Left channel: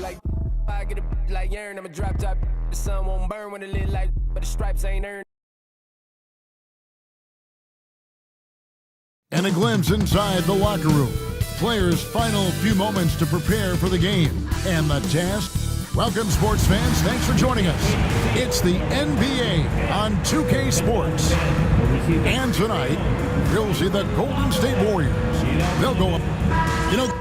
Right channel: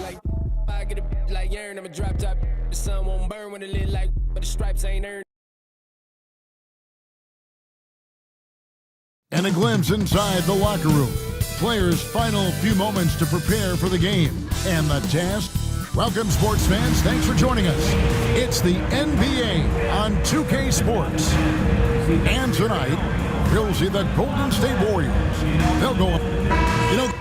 Like I get a like urn, I'm a drop top. The sun won't burn when it lit like, but the stripes ain't earned. And a glimpse inside the locker room. Players' final few moments to prepare for the game. And the task. Welcome, sports fans. Thanks for joining us. It's the NBA on 2K Sports. And tonight, we'll see the Golden State Warriors. They'll go up. You know,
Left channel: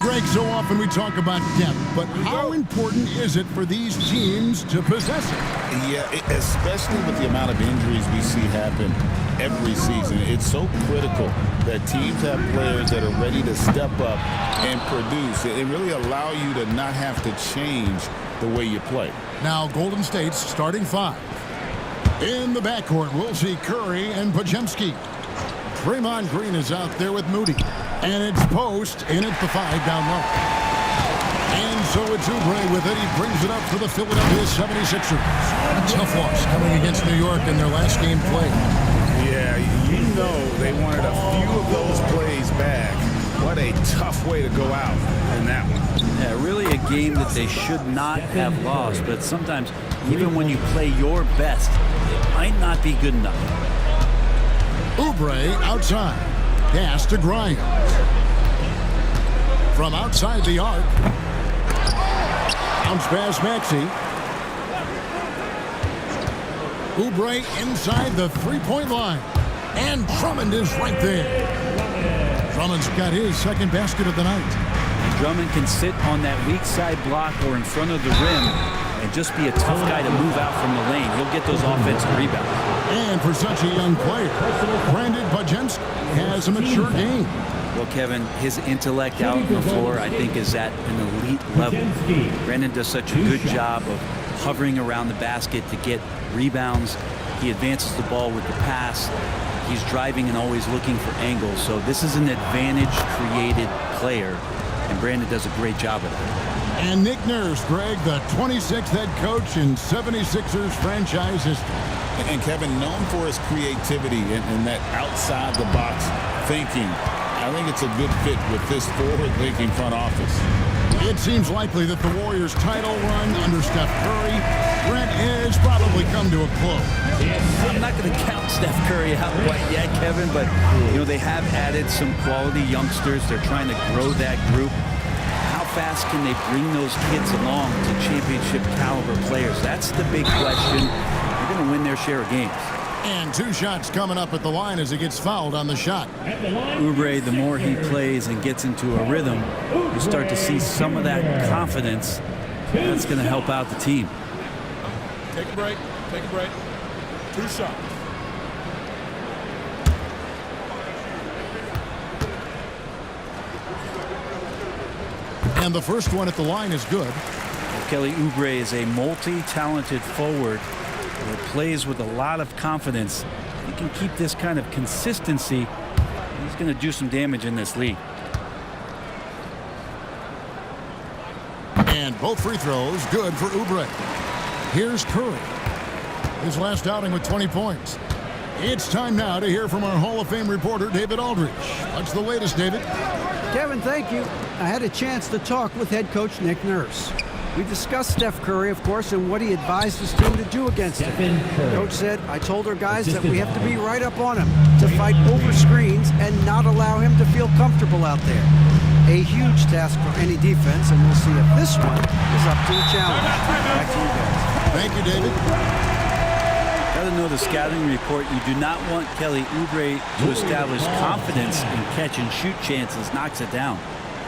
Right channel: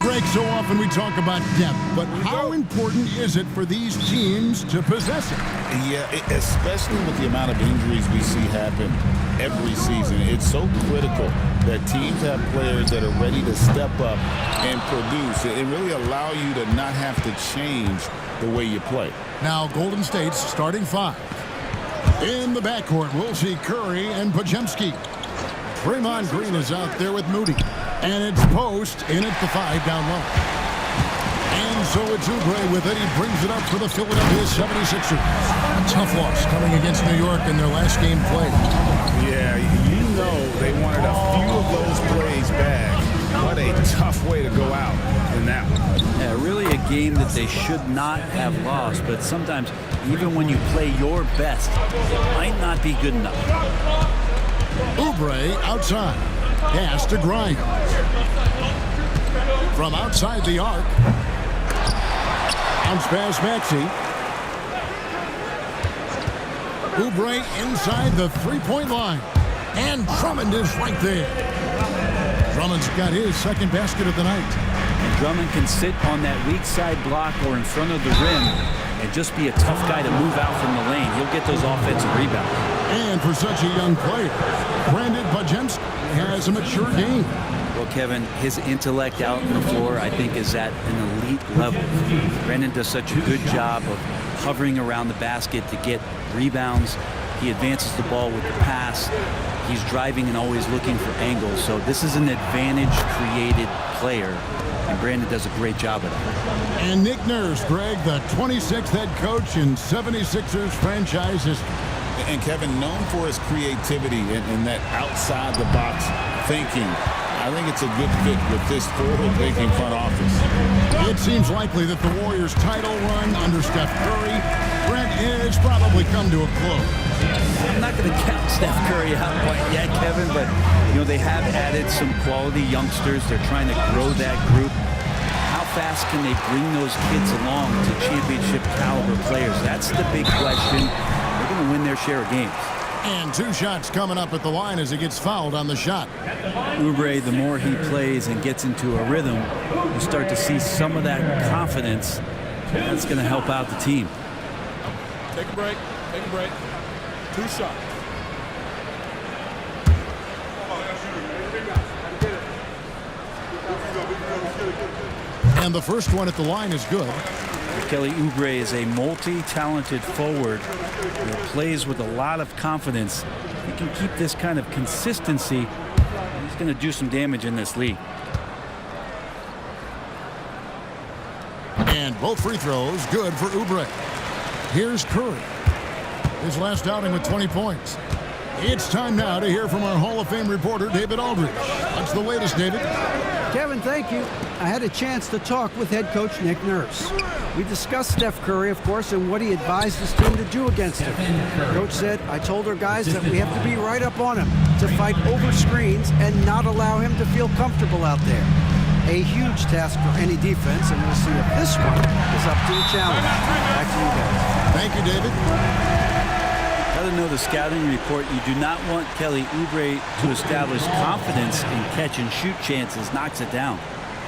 Greg, so often we talk about depth, but how important is it for these teams to possess it? Yeah, especially with the amount of injuries we see happen every season. It's so critical that teams have players that are ready to step up and produce. It really allow you to not have to change the way you play. Now, Golden State's starting five. In the backcourt, we'll see Curry and Podziemski. Draymond Green is out there with Moody. And it's Post in at the 5 down low. And so it's Oubre with it. He brings it up for the Philadelphia 76ers. A tough loss coming against New York in their last game played. Yeah, you know they wanted a few of those plays back. What a tough way to go out in that one. Yeah, really a game that they should not have lost. But sometimes, even when you play your best, it might not be good enough. Oubre outside. Pass to Grimes. From outside the arc. Bounce pass Maxey. Oubre inside the three-point line. And Drummond is right there. Drummond's got his second basket of the night. And Drummond can sit on that weak side block or in front of the rim and just be a tough guy to move out from the lane. He'll get those offensive rebounds. And for such a young player, Brandon Podziemski has a mature game. Well, Kevin, his intellect out on the floor, I think, is at an elite level. Brandon does such a good job of hovering around the basket to get rebounds. He advances the ball with the pass. He's driving and always looking for angles. So this is an advantage-created player, and Brandon does a great job of that. And Nick Nurse, Greg, the 26th head coach in 76ers franchise history. And Kevin, known for his creativity and that outside-the-box thinking, I think it's a good fit with this forward-thinking front office. It seems likely that the Warriors' title run under Steph Curry, Brent, has probably come to a close. I'm not going to count Steph Curry out quite yet, Kevin, but you know they have added some quality youngsters. They're trying to grow that group. How fast can they bring those kids along to championship caliber players? That's the big question. They're going to win their share of games. And 2 shots coming up at the line as he gets fouled on the shot. Oubre, the more he plays and gets into a rhythm, you start to see some of that confidence. That's going to help out the team. Take a break. Take a break. 2 shots. And the first one at the line is good. Kelly Oubre is a multi-talented forward that plays with a lot of confidence. If he can keep this kind of consistency, he's going to do some damage in this league. And both free throws good for Oubre. Here's Curry. His last outing with 20 points. It's time now to hear from our Hall of Fame reporter, David Aldridge. What's the latest, David? Kevin, thank you. I had a chance to talk with head coach Nick Nurse. We discussed Steph Curry, of course, and what he advised his team to do against him. Coach said, I told our guys that we have to be right up on him, to fight over screens and not allow him to feel comfortable out there. A huge task for any defense, and we'll see if this one is up to the challenge. Back to you guys. Thank you, David. Got to know the scouting report. You do not want Kelly Oubre to establish confidence in catch and shoot chances. Knocks it down.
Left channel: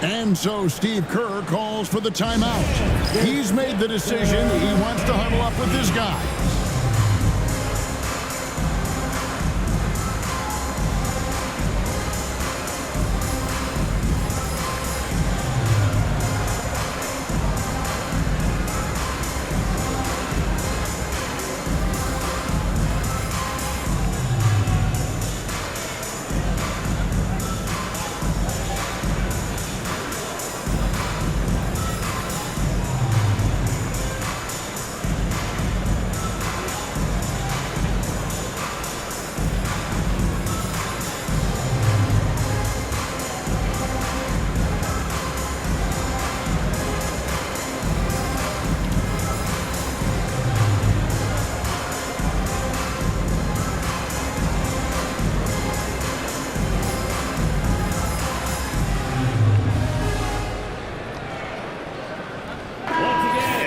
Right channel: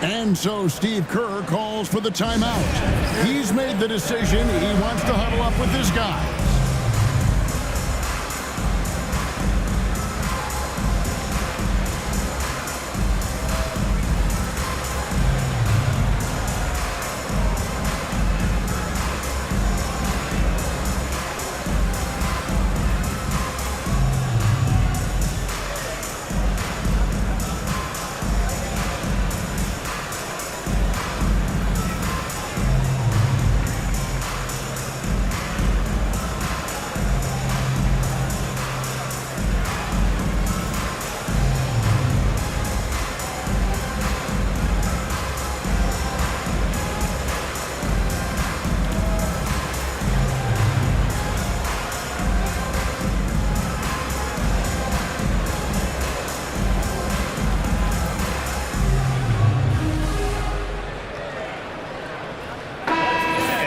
And so Steve Kerr calls for the timeout. He's made the decision. He wants to huddle up with his guys.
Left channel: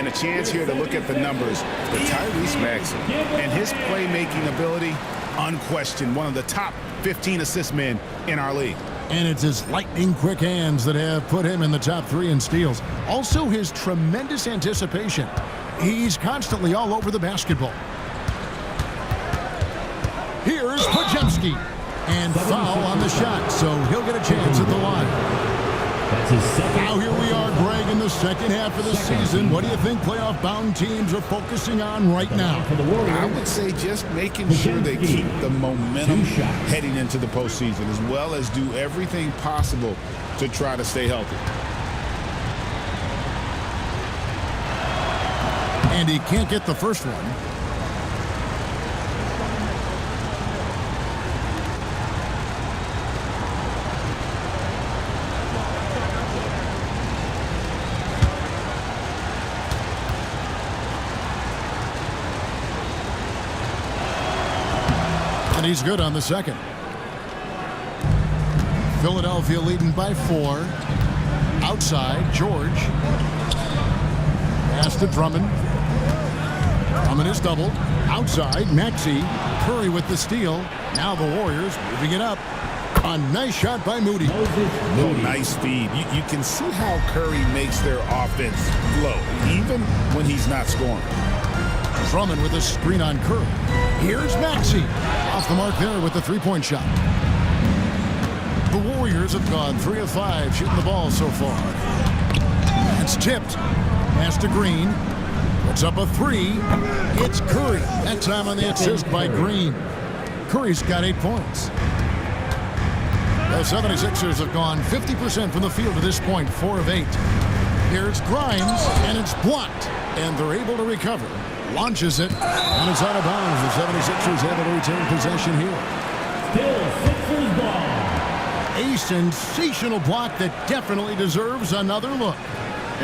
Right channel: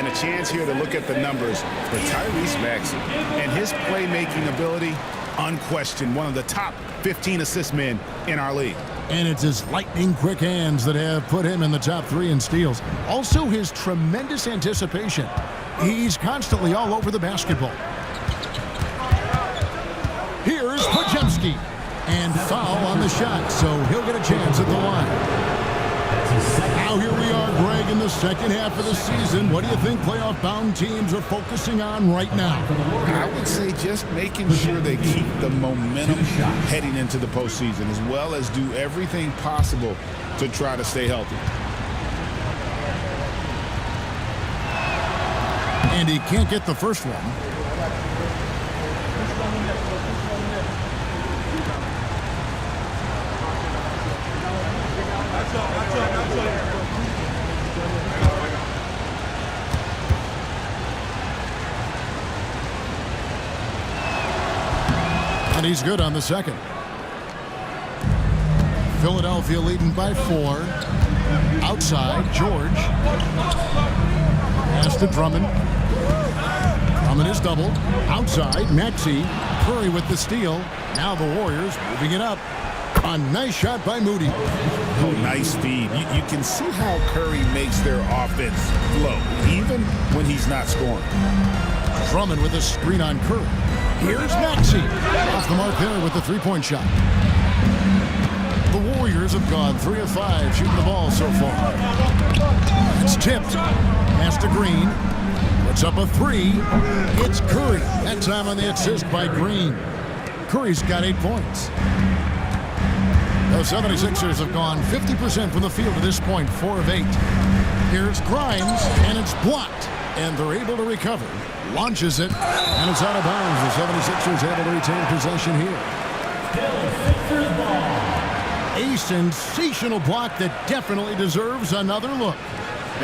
And a chance here to look at the numbers for Tyrese Maxey. And his playmaking ability, unquestioned, one of the top 15 assist men in our league. And it's his lightning-quick hands that have put him in the top 3 in steals. Also, his tremendous anticipation. He's constantly all over the basketball. Here's Podziemski. And foul on the shot, so he'll get a chance at the line. Now here we are, Greg, in the second half of the season. What do you think playoff-bound teams are focusing on right now? I would say just making sure they keep the momentum heading into the postseason, as well as do everything possible to try to stay healthy. And he can't get the first one. And he's good on the second. Philadelphia leading by 4. Outside, George. Pass to Drummond. Drummond is doubled. Outside, Maxey. Curry with the steal. Now the Warriors moving it up. A nice shot by Moody. Oh, nice feed. You can see how Curry makes their offense flow, even when he's not scoring. Drummond with a screen on Curry. Here's Maxey. Off the mark there with the three-point shot. The Warriors have gone 3 of 5 shooting the ball so far. That's tipped. Pass to Green. Puts up a 3. It's Curry. That time on the assist by Green. Curry's got 8 points. The 76ers have gone 50% from the field to this point, 4 of 8. Here's Grimes, and it's blocked. And they're able to recover. Launches it, and it's out of bounds. The 76ers able to retain possession here. Still Sixers ball. A sensational block that definitely deserves another look.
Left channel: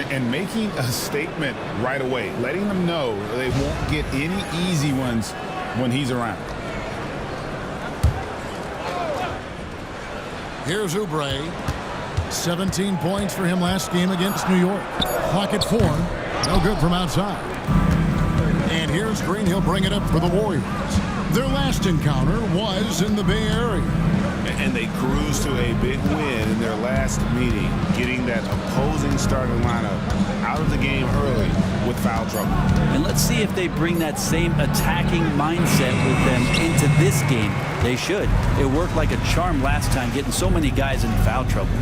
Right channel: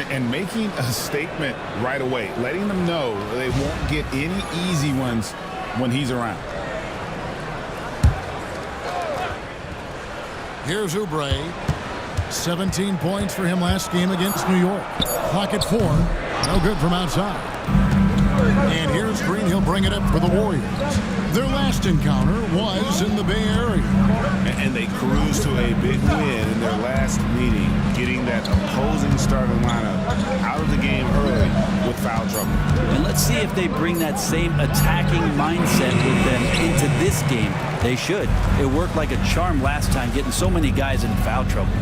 And making a statement right away, letting them know they won't get any easy ones when he's around. Here's Oubre. 17 points for him last game against New York. Clock at 4. No good from outside. And here's Green. He'll bring it up for the Warriors. Their last encounter was in the Bay Area. And they cruised to a big win in their last meeting, getting that opposing starting lineup out of the game early with foul trouble. And let's see if they bring that same attacking mindset with them into this game. They should. It worked like a charm last time, getting so many guys in foul trouble.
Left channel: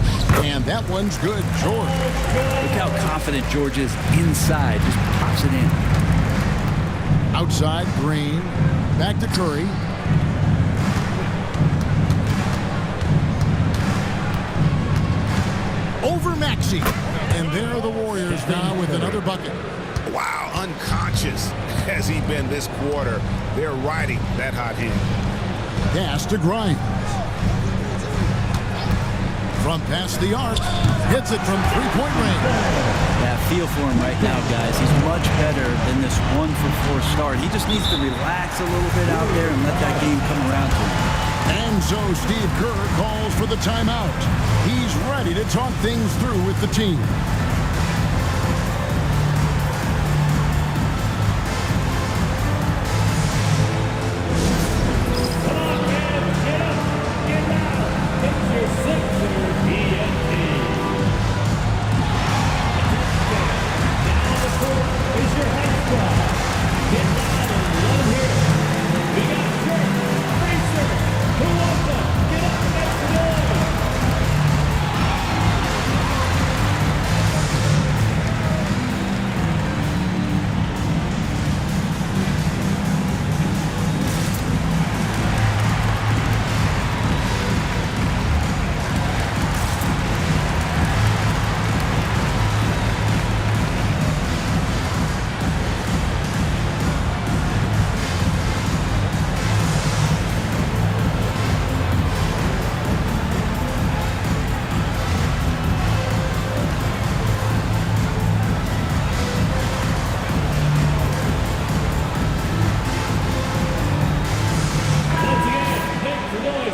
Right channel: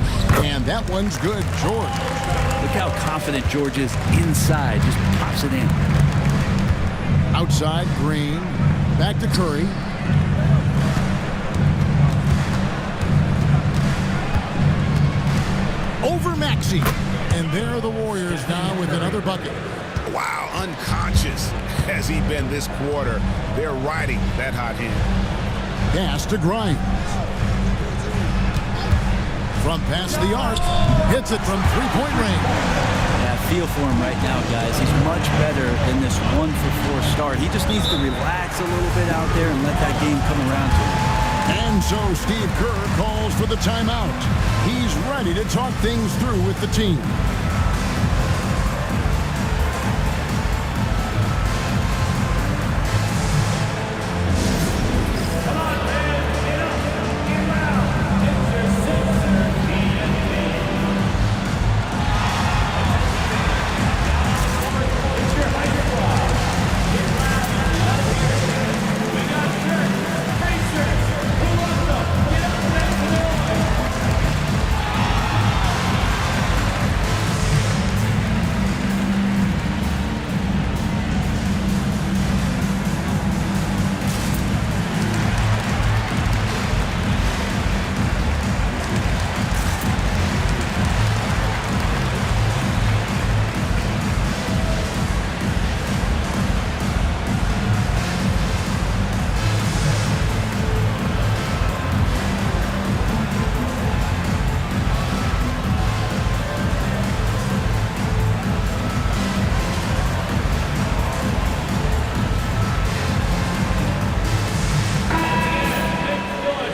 And that one's good, George. Look how confident George is inside. Just pops it in. Outside, Green. Back to Curry. Over Maxey. And there are the Warriors now with another bucket. Wow, unconscious has he been this quarter. They're riding that hot hand. Pass to Grimes. From past the arc. Hits it from three-point range. Yeah, feel for him right now, guys. He's much better than this 1-for-4 start. He just needs to relax a little bit out there and let that game come around to him. And so Steve Kerr calls for the timeout. He's ready to talk things through with the team. Come on, kids. Get up. Get loud. It's your Sixers ENT. Down on the court is your high squad. Get loud and let them hear it. We got shirts. Free shirts. Who wants them? Get up next to the line.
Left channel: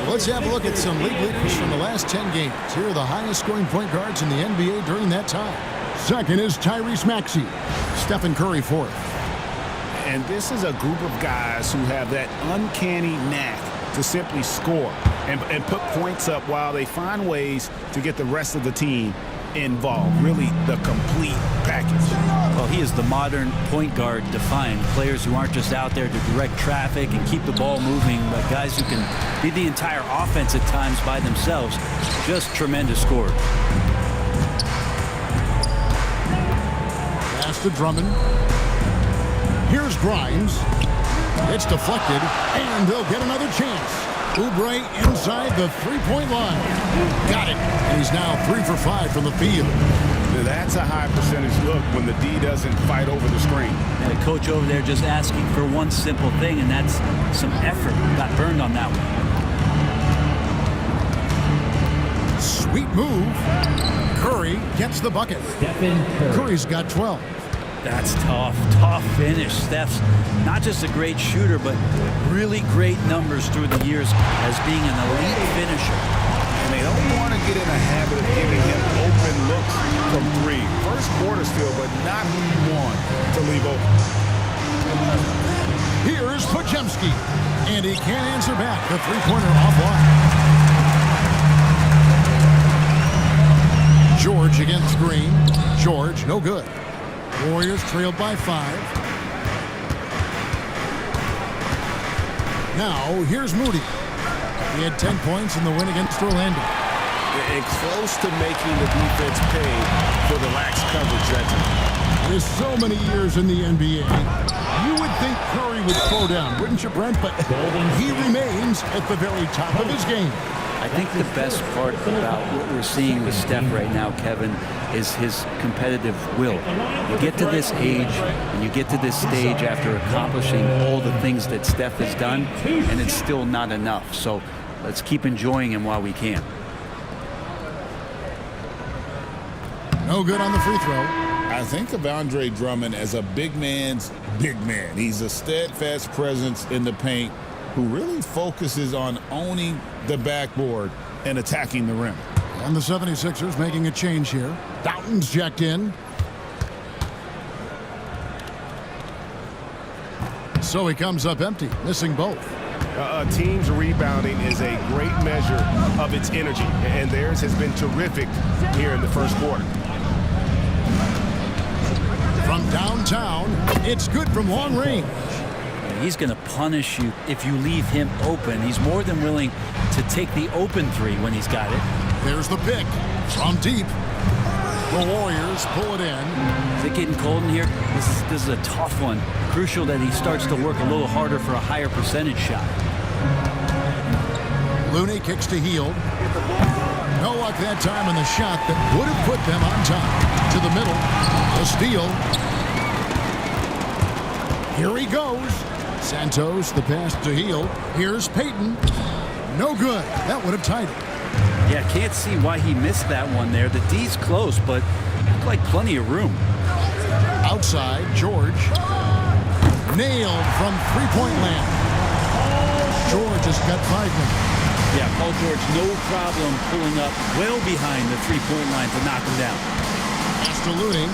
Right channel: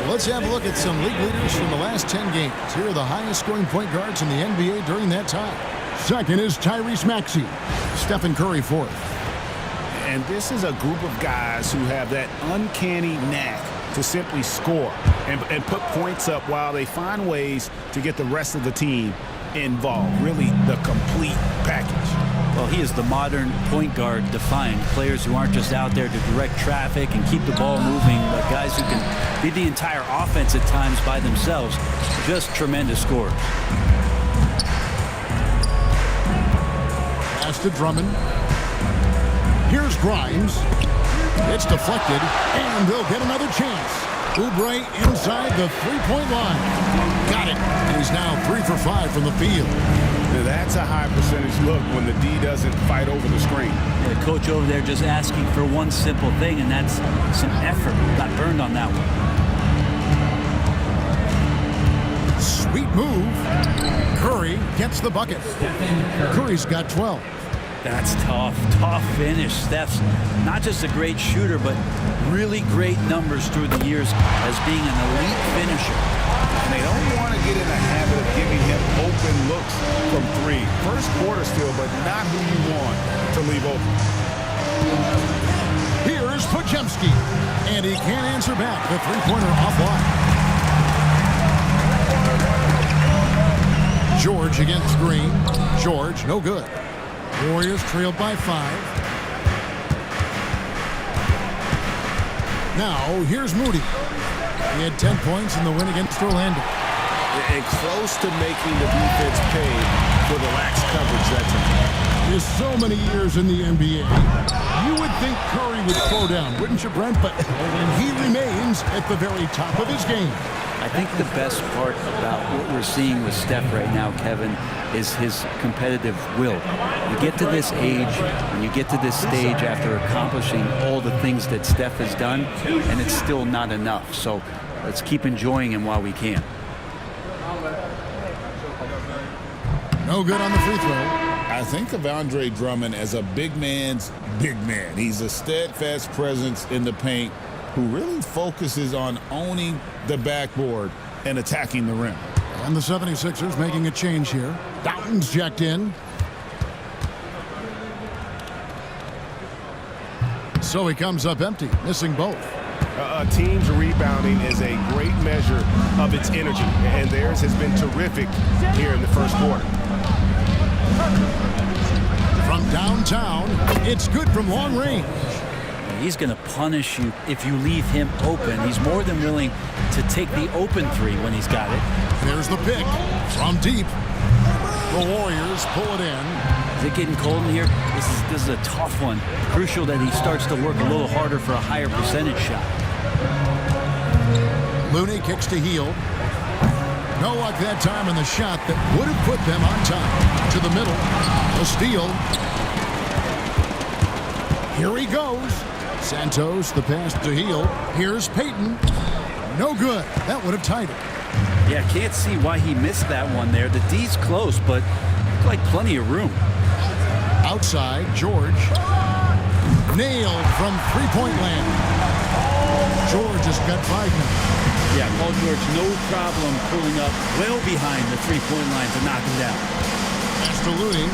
Let's have a look at some league leaders from the last 10 games. Here are the highest scoring point guards in the NBA during that time. Second is Tyrese Maxey. Stephen Curry fourth. And this is a group of guys who have that uncanny knack to simply score and put points up while they find ways to get the rest of the team involved. Really the complete package. Well, he is the modern point guard defined. Players who aren't just out there to direct traffic and keep the ball moving, but guys who can be the entire offense at times by themselves. Just tremendous scorers. Pass to Drummond. Here's Grimes. It's deflected, and they'll get another chance. Oubre inside the three-point line. Got it. And he's now 3 for 5 from the field. Now that's a high percentage look when the D doesn't fight over the screen. And the coach over there just asking for one simple thing, and that's some effort. Got burned on that one. Sweet move. Curry gets the bucket. Curry's got 12. That's tough finish. Steph's not just a great shooter, but really great numbers through the years as being an elite finisher. And they don't want to get in a habit of giving him open looks from three. First quarter still, but not who you want to leave open. Here's Podziemski, and he can't answer back. The three-pointer offline. George against Green. George, no good. Warriors trailed by 5. Now, here's Moody. He had 10 points in the win against Orlando. And close to making the defense pay for the lax coverage that time. With so many years in the NBA, you would think Curry would slow down, wouldn't you, Brent? But he remains at the very top of his game. I think the best part about what we're seeing with Steph right now, Kevin, is his competitive will. You get to this age, and you get to this stage after accomplishing all the things that Steph has done, and it's still not enough. So let's keep enjoying him while we can. No good on the free throw. I think of Andre Drummond as a big man's big man. He's a steadfast presence in the paint who really focuses on owning the backboard and attacking the rim. And the 76ers making a change here. Doughton's checked in. So he comes up empty, missing both. A team's rebounding is a great measure of its energy, and theirs has been terrific here in the first quarter. From downtown, it's good from long range. He's going to punish you if you leave him open. He's more than willing to take the open three when he's got it. There's the pick from deep. The Warriors pull it in. Is it getting cold in here? This is a tough one. Crucial that he starts to work a little harder for a higher percentage shot. Looney kicks to Hield. No luck that time on the shot that would have put them on top. To the middle. A steal. Here he goes. Santos, the pass to Hield. Here's Payton. No good. That would have tied it. Yeah, can't see why he missed that one there. The D's close, but looked like plenty of room. Outside, George. Nailed from three-point land. George has got 5 now. Yeah, Paul George, no problem pulling up well behind the three-point line to knock him down. Pass to Looney.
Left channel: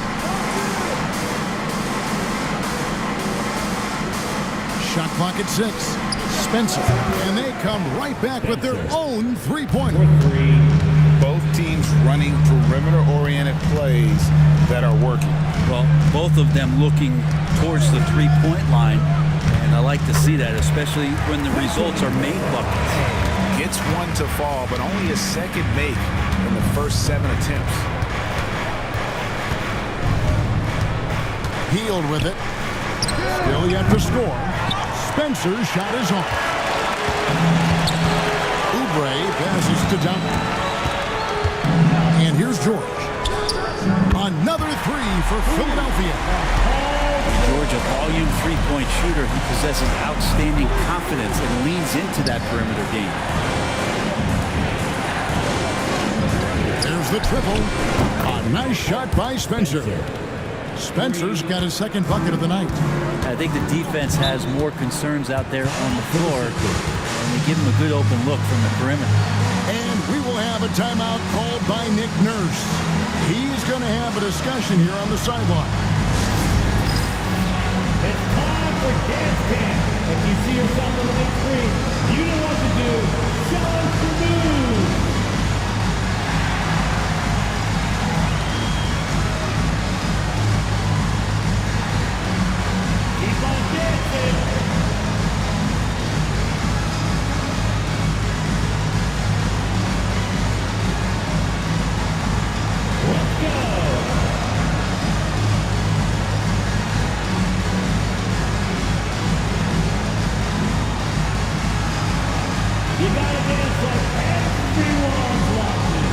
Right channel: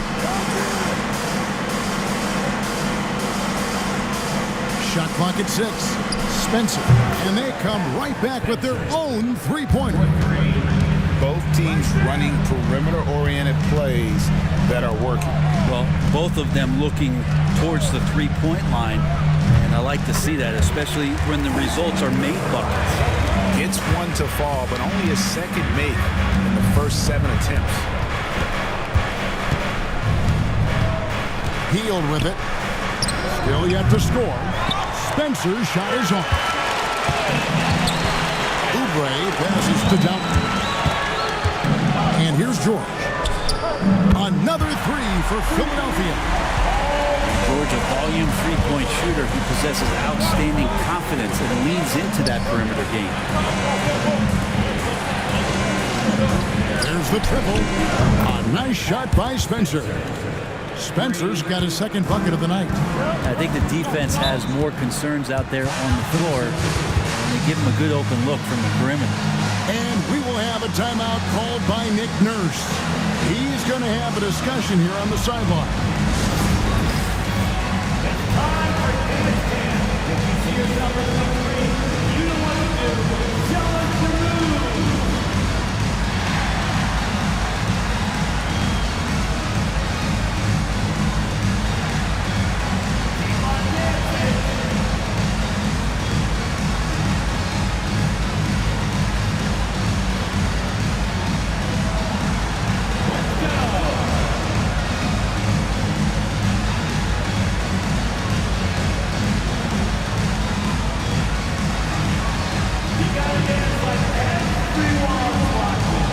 Shot clock at 6. Spencer. And they come right back with their own three-pointer. Both teams running perimeter-oriented plays that are working. Well, both of them looking towards the three-point line, and I like to see that, especially when the results are made buckets. Gets one to fall, but only his second make in the first 7 attempts. Hield with it. Still yet to score. Spencer's shot is on. Oubre passes to Doughton. And here's George. Another 3 for Philadelphia. George, a volume three-point shooter. He possesses outstanding confidence and leans into that perimeter game. There's the triple. A nice shot by Spencer. Spencer's got his second bucket of the night. I think the defense has more concerns out there on the floor, and they give him a good open look from the perimeter. And we will have a timeout called by Nick Nurse. He's team's going to have a discussion here on the sideline. It's time for dance camp. If you see yourself on the big screen, you know what to do. Challenge the move. Keep on dancing. Let's go. You gotta dance like everyone's watching.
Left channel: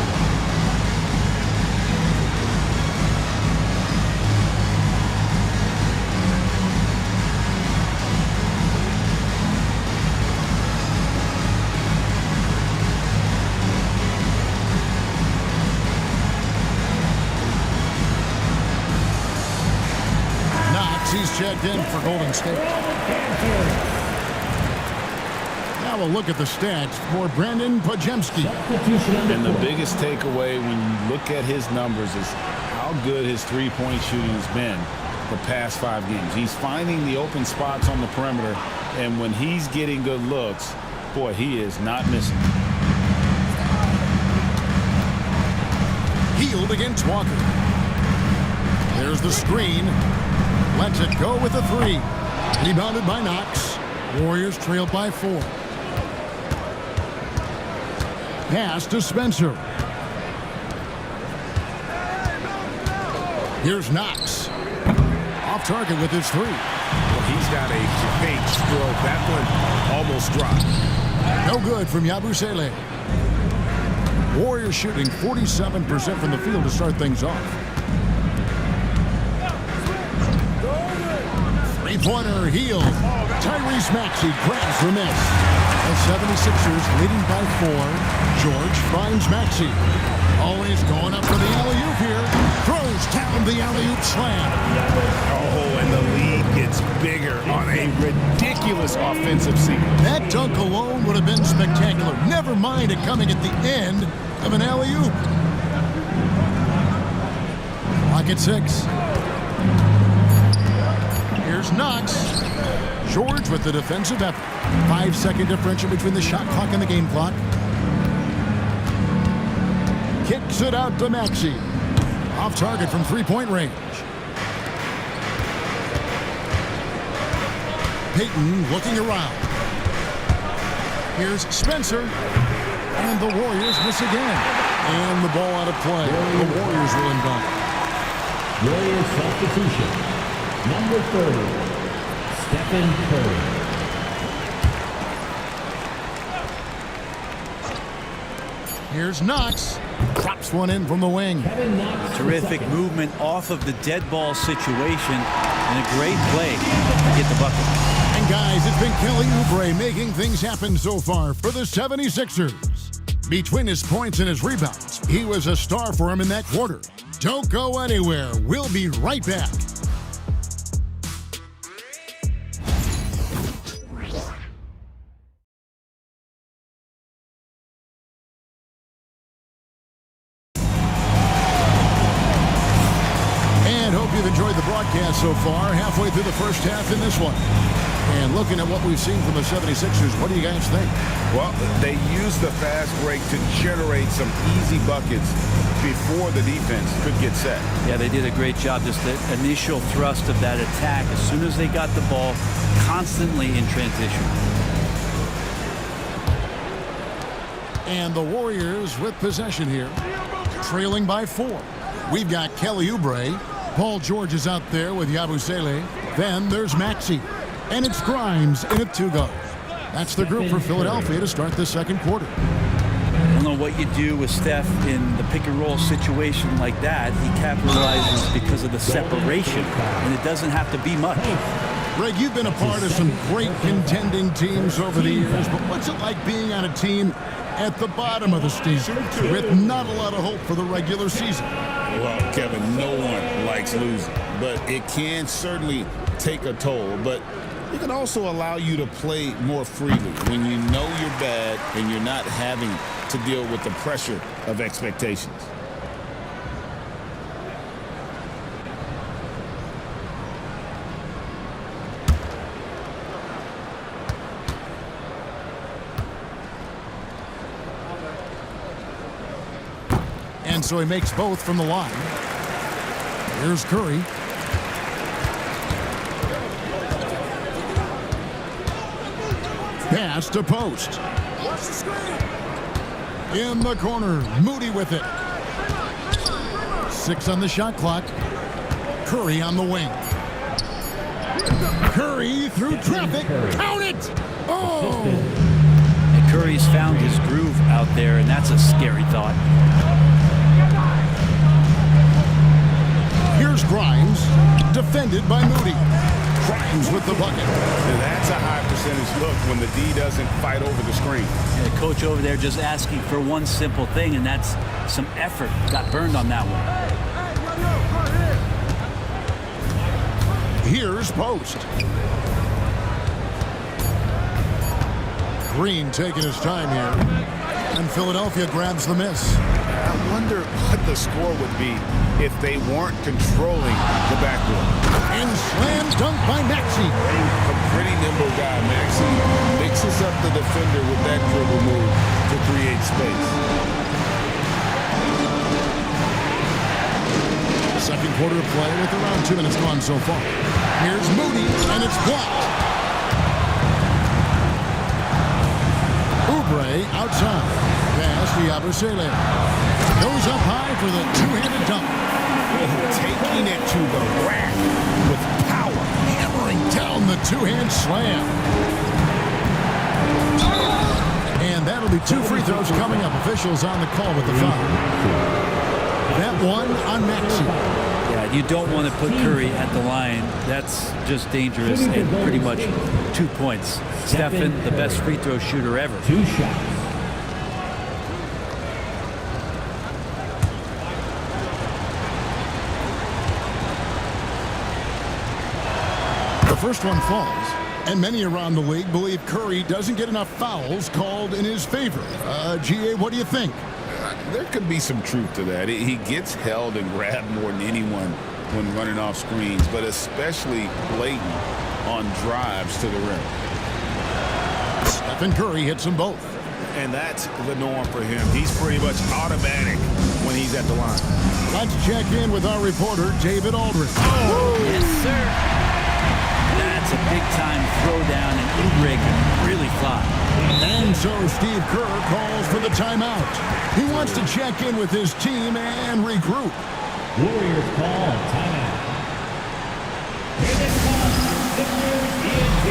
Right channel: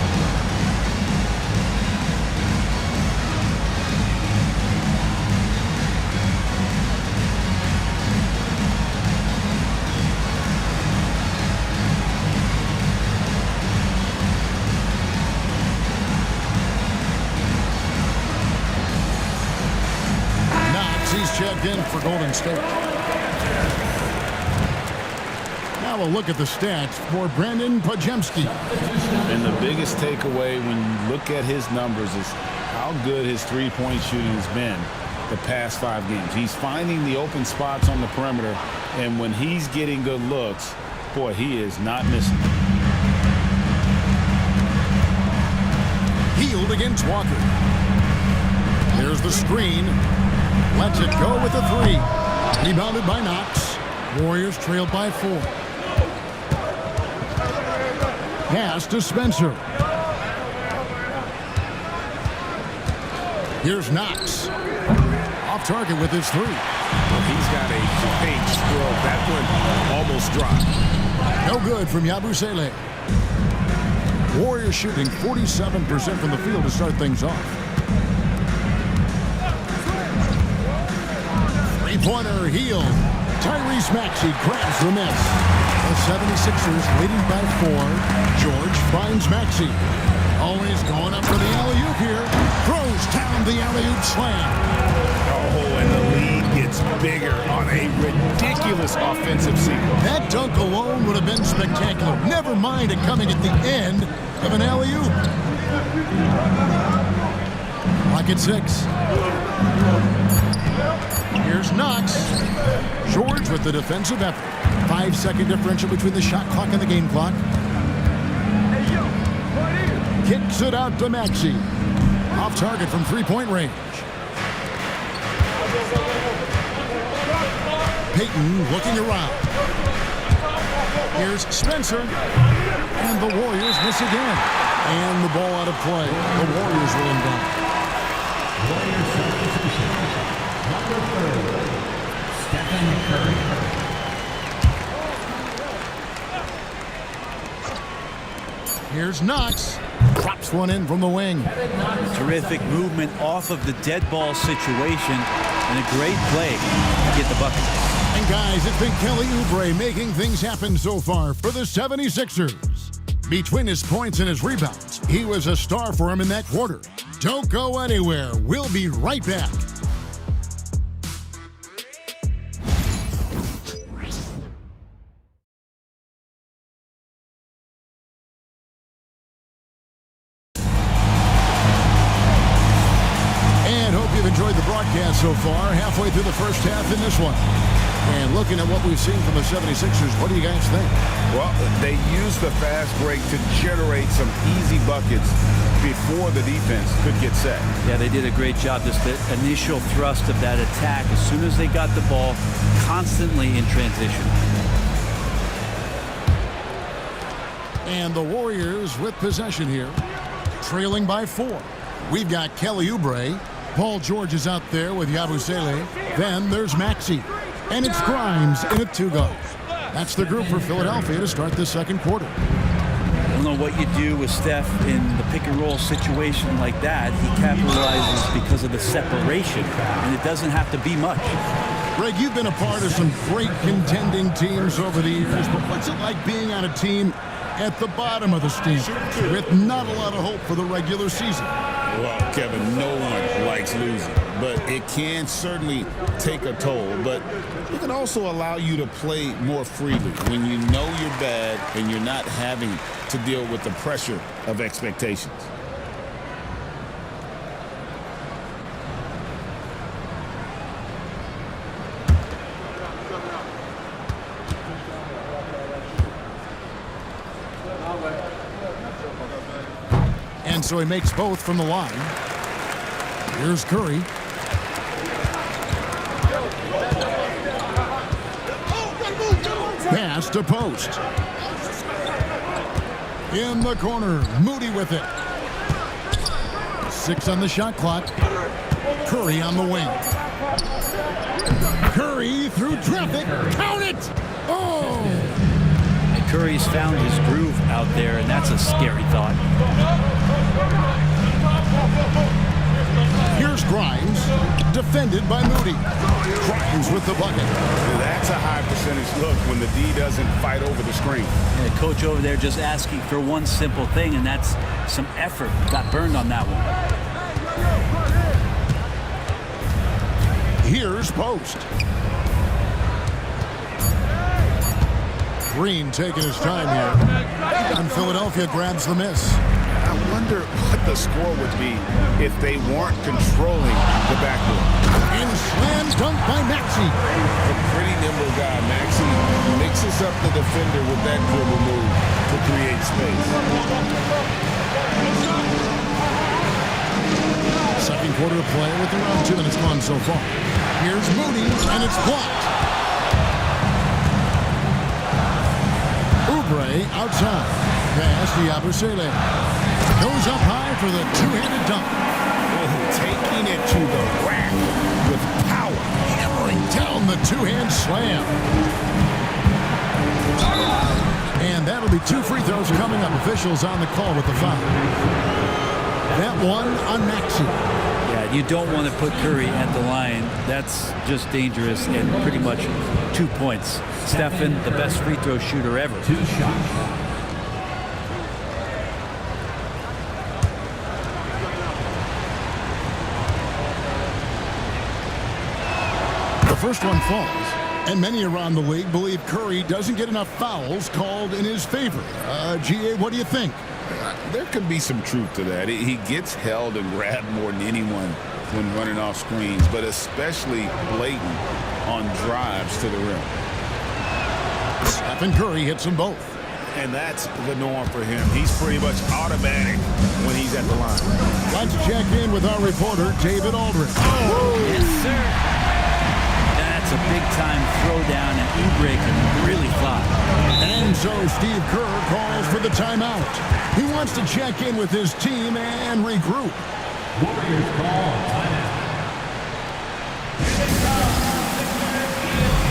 Knox, he's checked in for Golden State. Now a look at the stats for Brandon Pajemski. And the biggest takeaway when you look at his numbers is how good his three-point shooting has been the past 5 games. He's finding the open spots on the perimeter, and when he's getting good looks, boy, he is not missing. Healed against Walker. There's the screen. Lets it go with a 3. Rebounded by Knox. Warriors trailed by 4. Pass to Spencer. Here's Knox. Off target with his 3. Well, he's got a great stroke. That one almost dropped. No good from Yabusele. Warriors shooting 47% from the field to start things off. Three-pointer Healed. Tyrese Maxey grabs the miss. The 76ers leading by 4. George finds Maxey. Always going up for the alley-oop here. Throws down the alley-oop slam. Oh, and the lead gets bigger on a ridiculous offensive sequence. That dunk alone would have been spectacular. Never mind it coming at the end of an alley-oop. Clock at 6. Here's Knox. George with the defensive effort. 5-second differential between the shot clock and the game clock. Kicks it out to Maxey. Off target from three-point range. Payton looking around. Here's Spencer. And the Warriors miss again. And the ball out of play. The Warriors will inbound. Warriors substitution. Number 30, Stephen Curry. Here's Knox. Drops one in from the wing. Terrific movement off of the dead ball situation and a great play to get the bucket. And guys, it's been Kelly Oubre making things happen so far for the 76ers. Between his points and his rebounds, he was a star for him in that quarter. Don't go anywhere. We'll be right back. And hope you've enjoyed the broadcast so far. Halfway through the first half in this one. And looking at what we've seen from the 76ers, what do you guys think? Well, they used the fast break to generate some easy buckets before the defense could get set. Yeah, they did a great job. Just the initial thrust of that attack as soon as they got the ball, constantly in transition. And the Warriors with possession here, trailing by 4. We've got Kelly Oubre. Paul George is out there with Yabusele. Then there's Maxey. And it's Grimes in at 2 guard. That's the group for Philadelphia to start the second quarter. I don't know what you do with Steph in the pick-and-roll situation like that. He capitalizes because of the separation, and it doesn't have to be much. Greg, you've been a part of some great contending teams over the years, but what's it like being on a team at the bottom of the standings with not a lot of hope for the regular season? Well, Kevin, no one likes losing, but it can certainly take a toll. But it can also allow you to play more freely when you know you're bad and you're not having to deal with the pressure of expectations. so he makes both from the line. Here's Curry. Pass to post. In the corner, Moody with it. 6 on the shot clock. Curry on the wing. Curry through traffic. Count it! Oh! And Curry's found his groove out there, and that's a scary thought. Here's Grimes, defended by Moody. Grimes with the bucket. That's a high percentage look when the D doesn't fight over the screen. And the coach over there just asking for one simple thing, and that's some effort. Got burned on that one. Here's Post. Green taking his time here. And Philadelphia grabs the miss. I wonder what the score would be if they weren't controlling the backboard. And slam dunk by Maxey. A pretty nimble guy. Maxey mixes up the defender with that dribble move to create space. Second quarter of play with around 2 minutes gone so far. Here's Moody, and it's blocked. Oubre outside. Pass to Yabusele. Goes up high for the two-handed dunk. Oh, taking it to the rack with power. Hammering down the two-hand slam. And that'll be 2 free throws coming up. Officials on the call with the foul. That one on Maxey. Yeah, you don't want to put Curry at the line. That's just dangerous, and pretty much 2 points. Stephen, the best free throw shooter ever. 2 shots. The first one falls, and many around the league believe Curry doesn't get enough fouls called in his favor. GA, what do you think? There could be some truth to that. He gets held and grabbed more than anyone when running off screens, but especially blatant on drives to the rim. Stephen Curry hits them both. And that's the norm for him. He's pretty much automatic when he's at the line. Let's check in with our reporter, David Aldridge. Yes, sir. That's a big-time throwdown, and Oubre can really fly. And so Steve Kerr calls for the timeout. He wants to check in with his team and regroup. Warriors call timeout. Here they come, Signature ENT.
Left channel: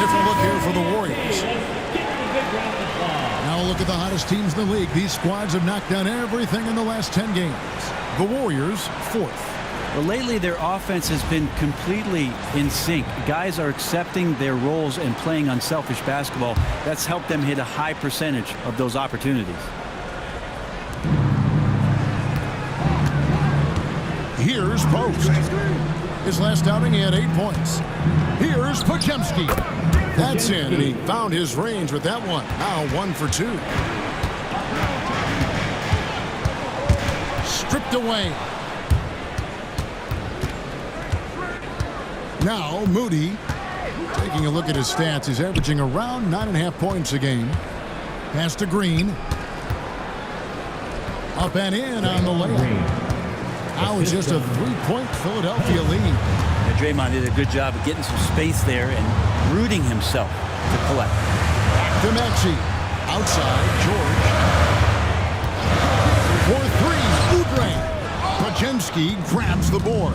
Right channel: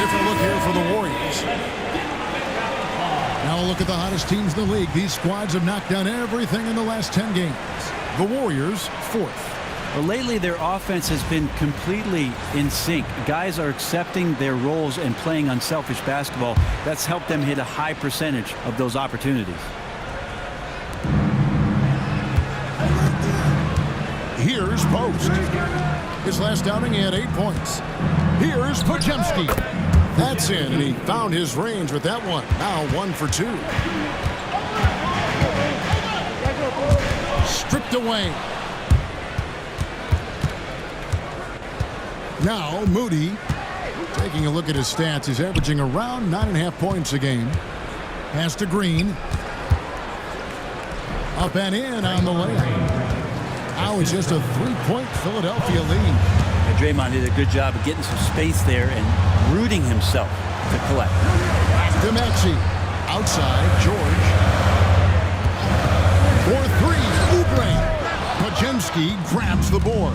Different look here for the Warriors. Now a look at the hottest teams in the league. These squads have knocked down everything in the last 10 games. The Warriors, 4th. Well, lately their offense has been completely in sync. Guys are accepting their roles and playing unselfish basketball. That's helped them hit a high percentage of those opportunities. Here's Post. His last outing, he had 8 points. Here's Podziemski. That's in, and he found his range with that one. Now 1 for 2. Stripped away. Now Moody, taking a look at his stats, he's averaging around 9.5 points a game. Pass to Green. Up and in on the layup. Now it's just a 3-point Philadelphia lead. And Draymond did a good job of getting some space there and rooting himself to collect. Back to Maxey. Outside, George. For 3, Oubre. Pajemski grabs the board.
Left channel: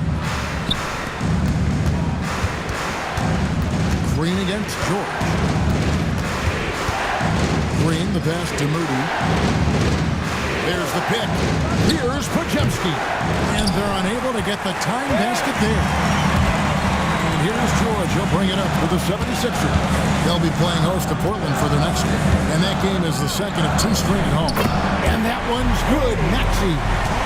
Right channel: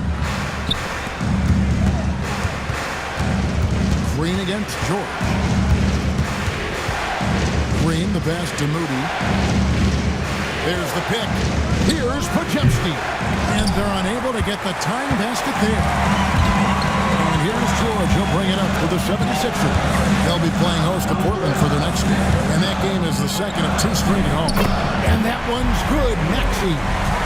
Green against George. Green, the pass to Moody. There's the pick. Here's Pajemski. And they're unable to get the tying basket there. And here's George. He'll bring it up for the 76ers. They'll be playing host to Portland for their next game. And that game is the second of 2 straight at home. And that one's good. Maxey.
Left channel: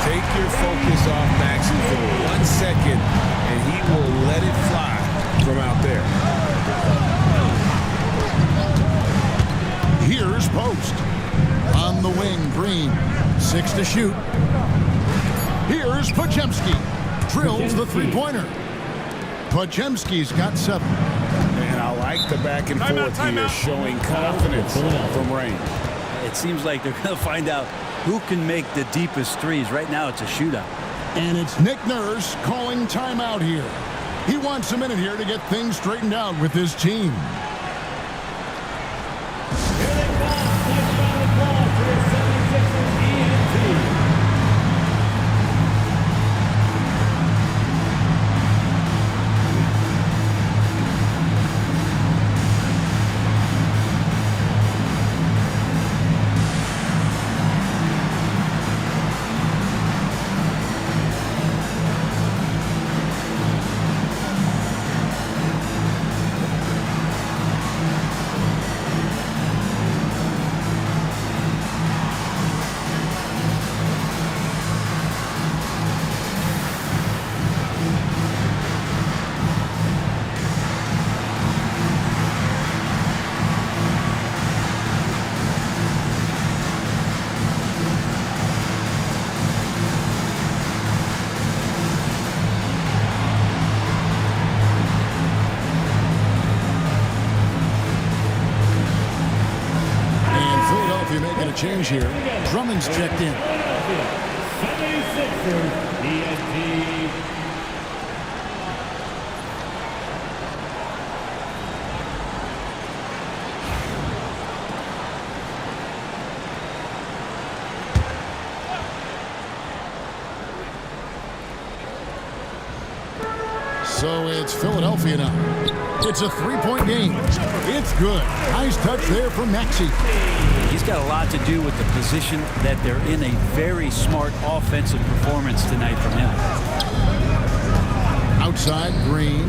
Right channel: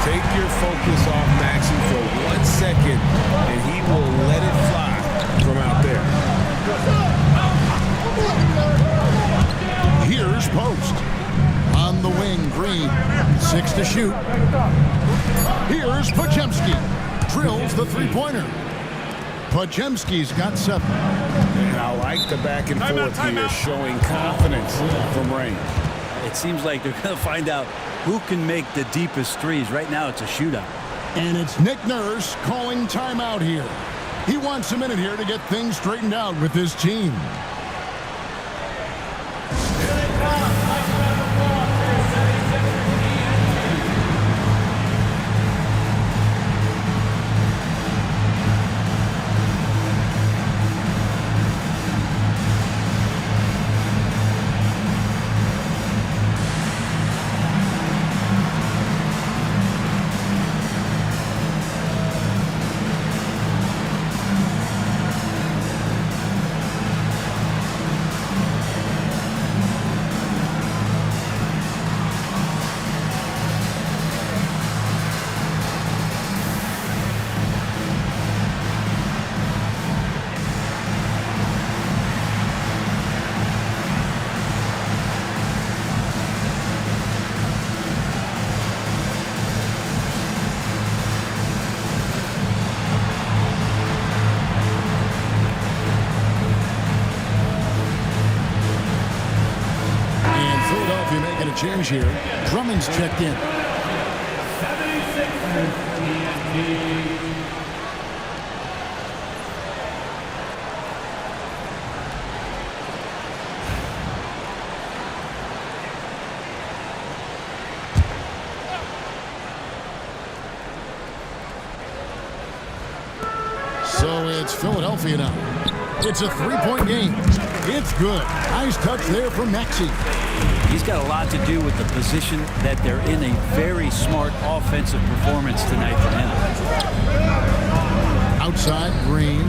Take your focus off Maxey for 1 second, and he will let it fly from out there. Here's Post. On the wing, Green. 6 to shoot. Here's Pajemski. Drills the three-pointer. Pajemski's got 7. And I like the back and forth here, showing confidence from range. It seems like they're going to find out who can make the deepest threes. Right now, it's a shootout. And it's Nick Nurse calling timeout here. He wants a minute here to get things straightened out with his team. Philadelphia making a change here. Drummond's checked in. 76ers TNT. So it's Philadelphia now. It's a 3-point game. It's good. Nice touch there from Maxey. He's got a lot to do with the position that they're in. A very smart offensive performance tonight from him. Outside, Green.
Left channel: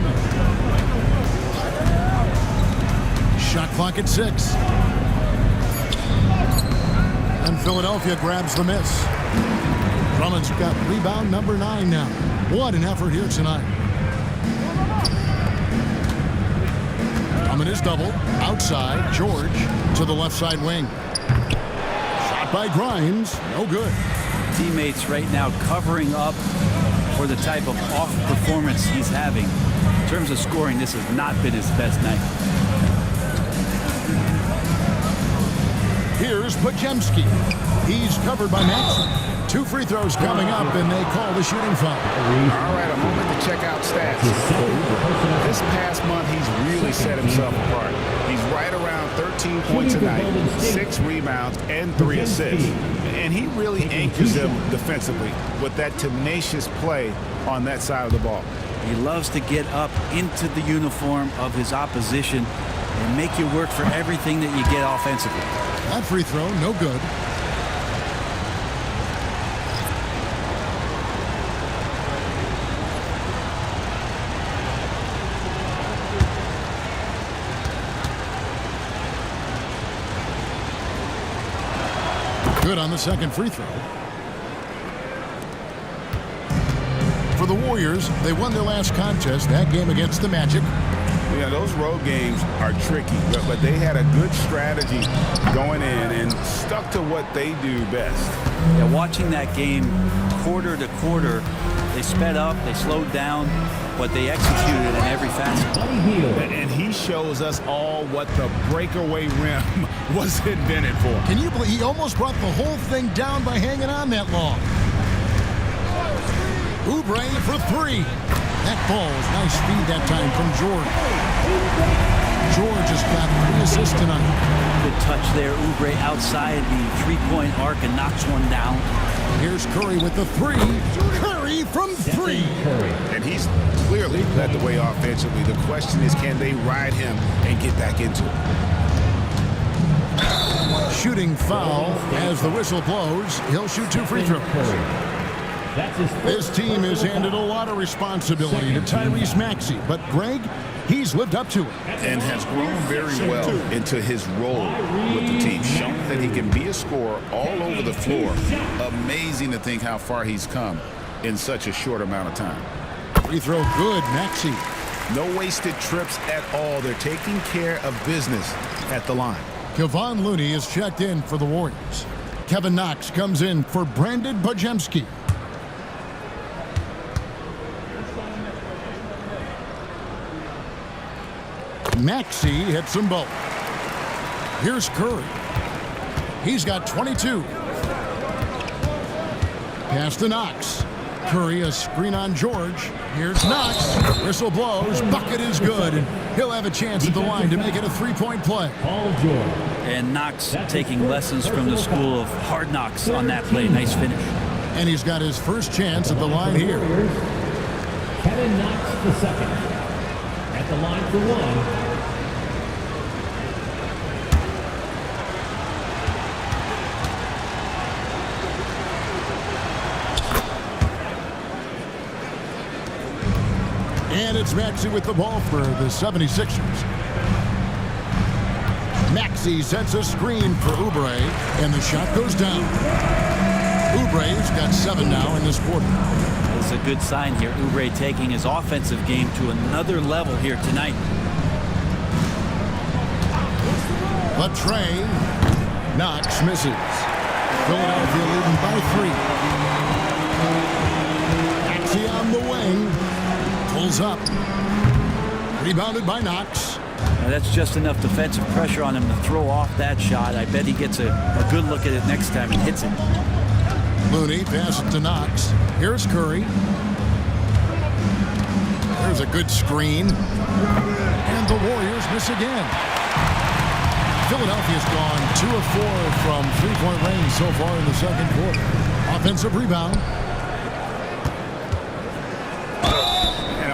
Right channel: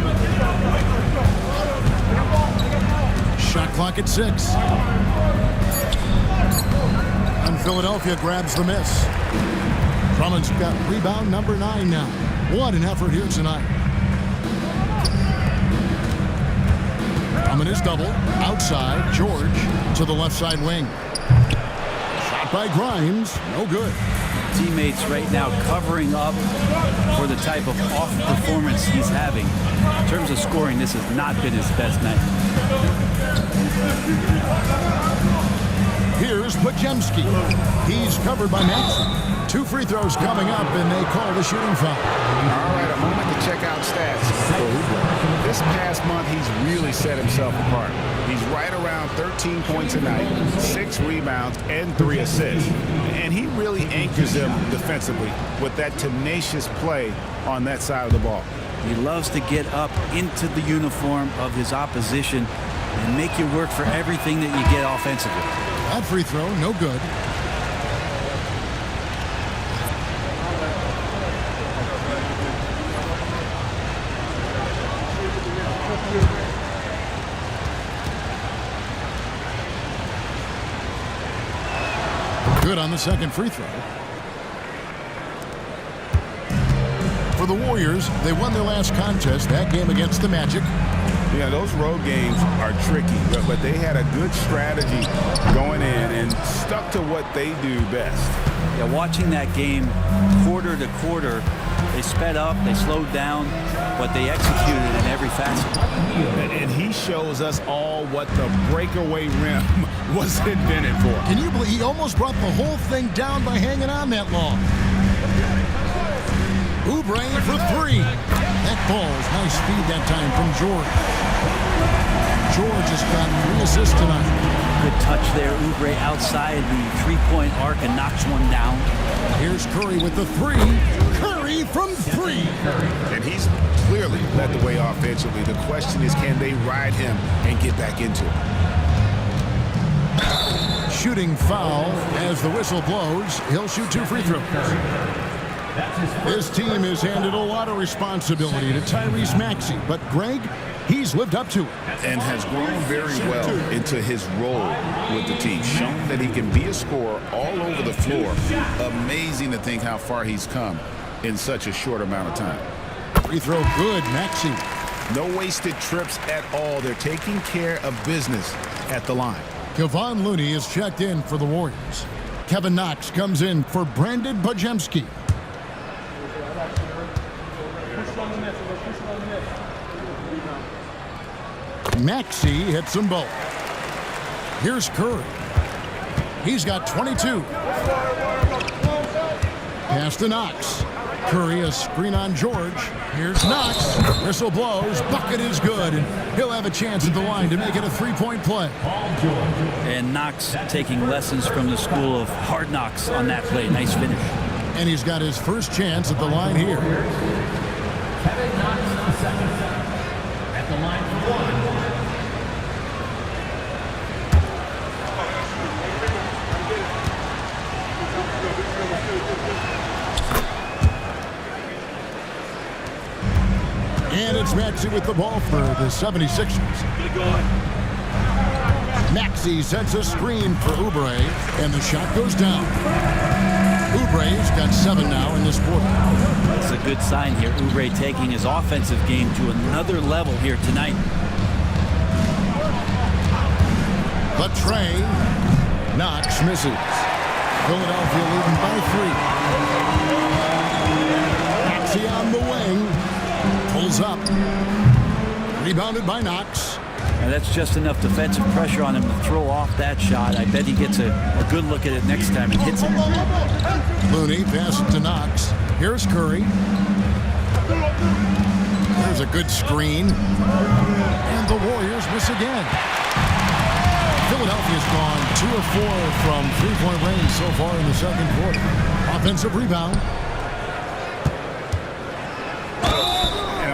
Shot clock at 6. And Philadelphia grabs the miss. Drummond's got rebound number 9 now. What an effort here tonight. Drummond is doubled. Outside, George to the left side wing. Shot by Grimes. No good. Teammates right now covering up for the type of off performance he's having. In terms of scoring, this has not been his best night. Here's Pajemski. He's covered by Maxey. 2 free throws coming up, and they call the shooting foul. All right, a moment to check out stats for Oubre. This past month, he's really set himself apart. He's right around 13 points a night, 6 rebounds, and 3 assists. And he really anchors them defensively with that tenacious play on that side of the ball. He loves to get up into the uniform of his opposition and make you work for everything that you get offensively. That free throw, no good. Good on the second free throw. For the Warriors, they won their last contest, that game against the Magic. Yeah, those road games are tricky, but they had a good strategy going in and stuck to what they do best. Yeah, watching that game quarter to quarter, they sped up, they slowed down, but they executed in every facet. And he shows us all what the breakaway rim was invented for. Can you believe he almost brought the whole thing down by hanging on that long? Oubre for 3. That falls. Nice speed that time from George. George has got 3 assists tonight. Good touch there. Oubre outside the three-point arc and knocks one down. Here's Curry with the three. Curry from three. And he's clearly led the way offensively. The question is, can they ride him and get back into it? Shooting foul as the whistle blows. He'll shoot 2 free throws. This team has handed a lot of responsibility to Tyrese Maxey, but Greg, he's lived up to it. And has grown very well into his role with the team. Shown that he can be a scorer all over the floor. Amazing to think how far he's come in such a short amount of time. Free throw good, Maxey. No wasted trips at all. They're taking care of business at the line. Kevon Looney is checked in for the Warriors. Kevin Knox comes in for Brandon Bajemski. Maxey hits them both. Here's Curry. He's got 22. Pass to Knox. Curry, a screen on George. Here's Knox. Whistle blows. Bucket is good, and he'll have a chance at the line to make it a three-point play. And Knox taking lessons from the school of hard knocks on that play. Nice finish. And he's got his first chance at the line here. Kevin Knox II at the line for one. And it's Maxey with the ball for the 76ers. Maxey sets a screen for Oubre, and the shot goes down. Oubre's got 7 now in this quarter. That's a good sign here. Oubre taking his offensive game to another level here tonight. The tray. Knox misses. Philadelphia leading by 3. Maxey on the wing. Pulls up. Rebounded by Knox. Now that's just enough defensive pressure on him to throw off that shot. I bet he gets a good look at it next time and hits it. Looney passes to Knox. Here's Curry. There's a good screen. And the Warriors miss again. Philadelphia's gone 2 of 4 from three-point range so far in the second quarter. Offensive rebound.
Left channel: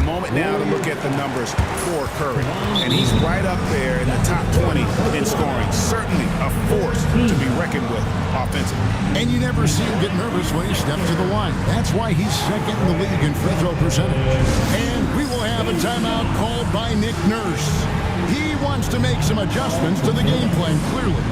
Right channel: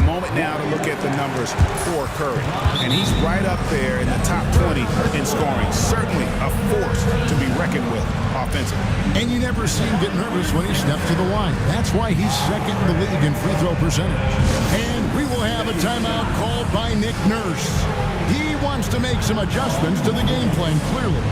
Moment now to look at the numbers for Curry, and he's right up there in the top 20 in scoring. Certainly a force to be reckoned with offensively. And you never see him get nervous when he steps to the line. That's why he's second in the league in free throw percentage. And we will have a timeout called by Nick Nurse. He wants to make some adjustments to the game plan, clearly.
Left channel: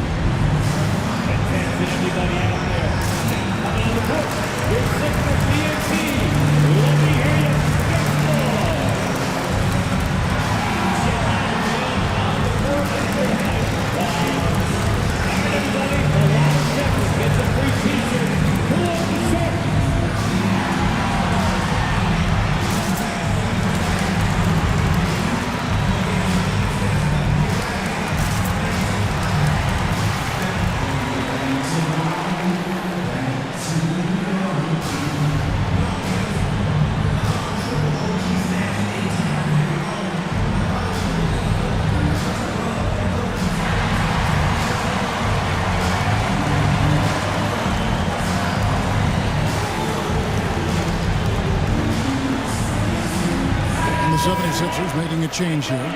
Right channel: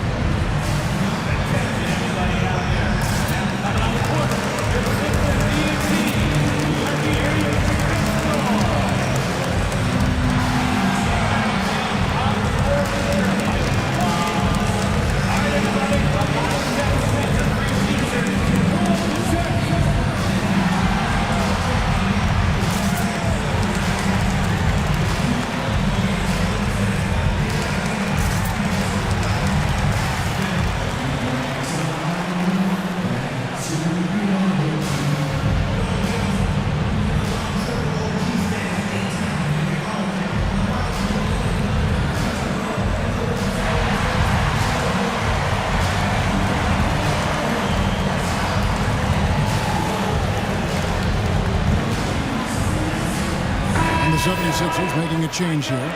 The 76ers making a change here.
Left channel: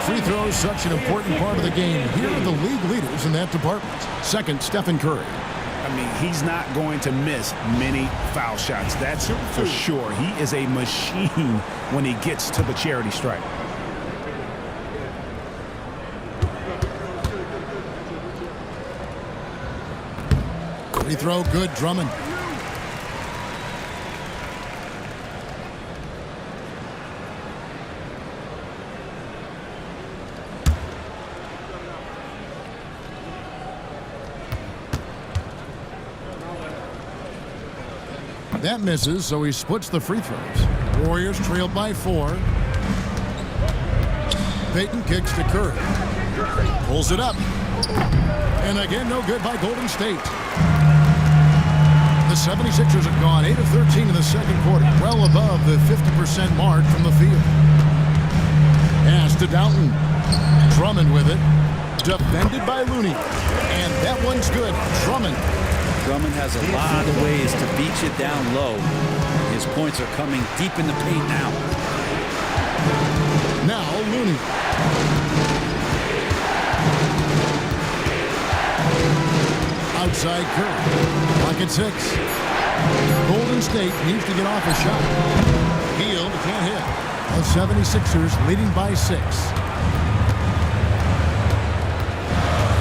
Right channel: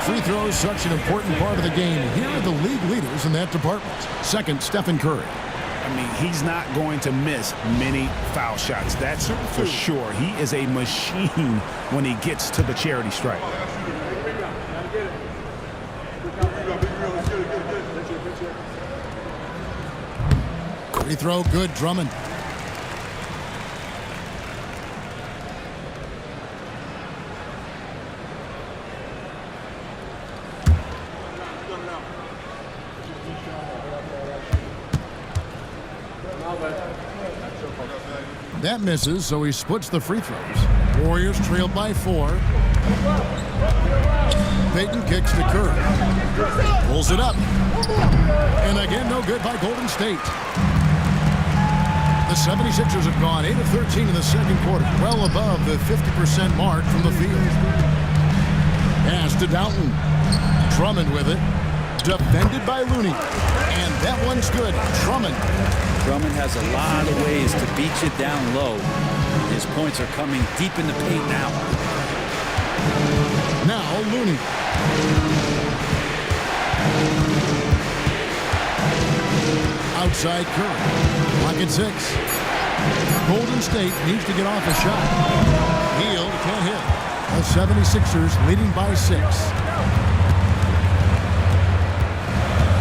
Free throws, such an important part of the game. Here are the league leaders in that department. Second, Stephen Curry. I mean, he's not going to miss many foul shots. That's for sure. He is a machine when he gets to the charity stripe. Free throw, good. Drummond. That misses, so he splits the free throws. Warriors trailed by 4. Payton kicks to Curry. Pulls it up. And again, no good by Golden State. The 76ers have gone 8 of 13 in the second quarter, well above the 50% mark from the field. Pass to Downton. Drummond with it. defended by Looney. And that one's good. Drummond. Drummond has a lot of ways to beat you down low. His points are coming deep in the paint now. Now Looney. Outside Curry. Clock at 6. Golden State needs to get off a shot. Hield can't hit. The 76ers leading by 6.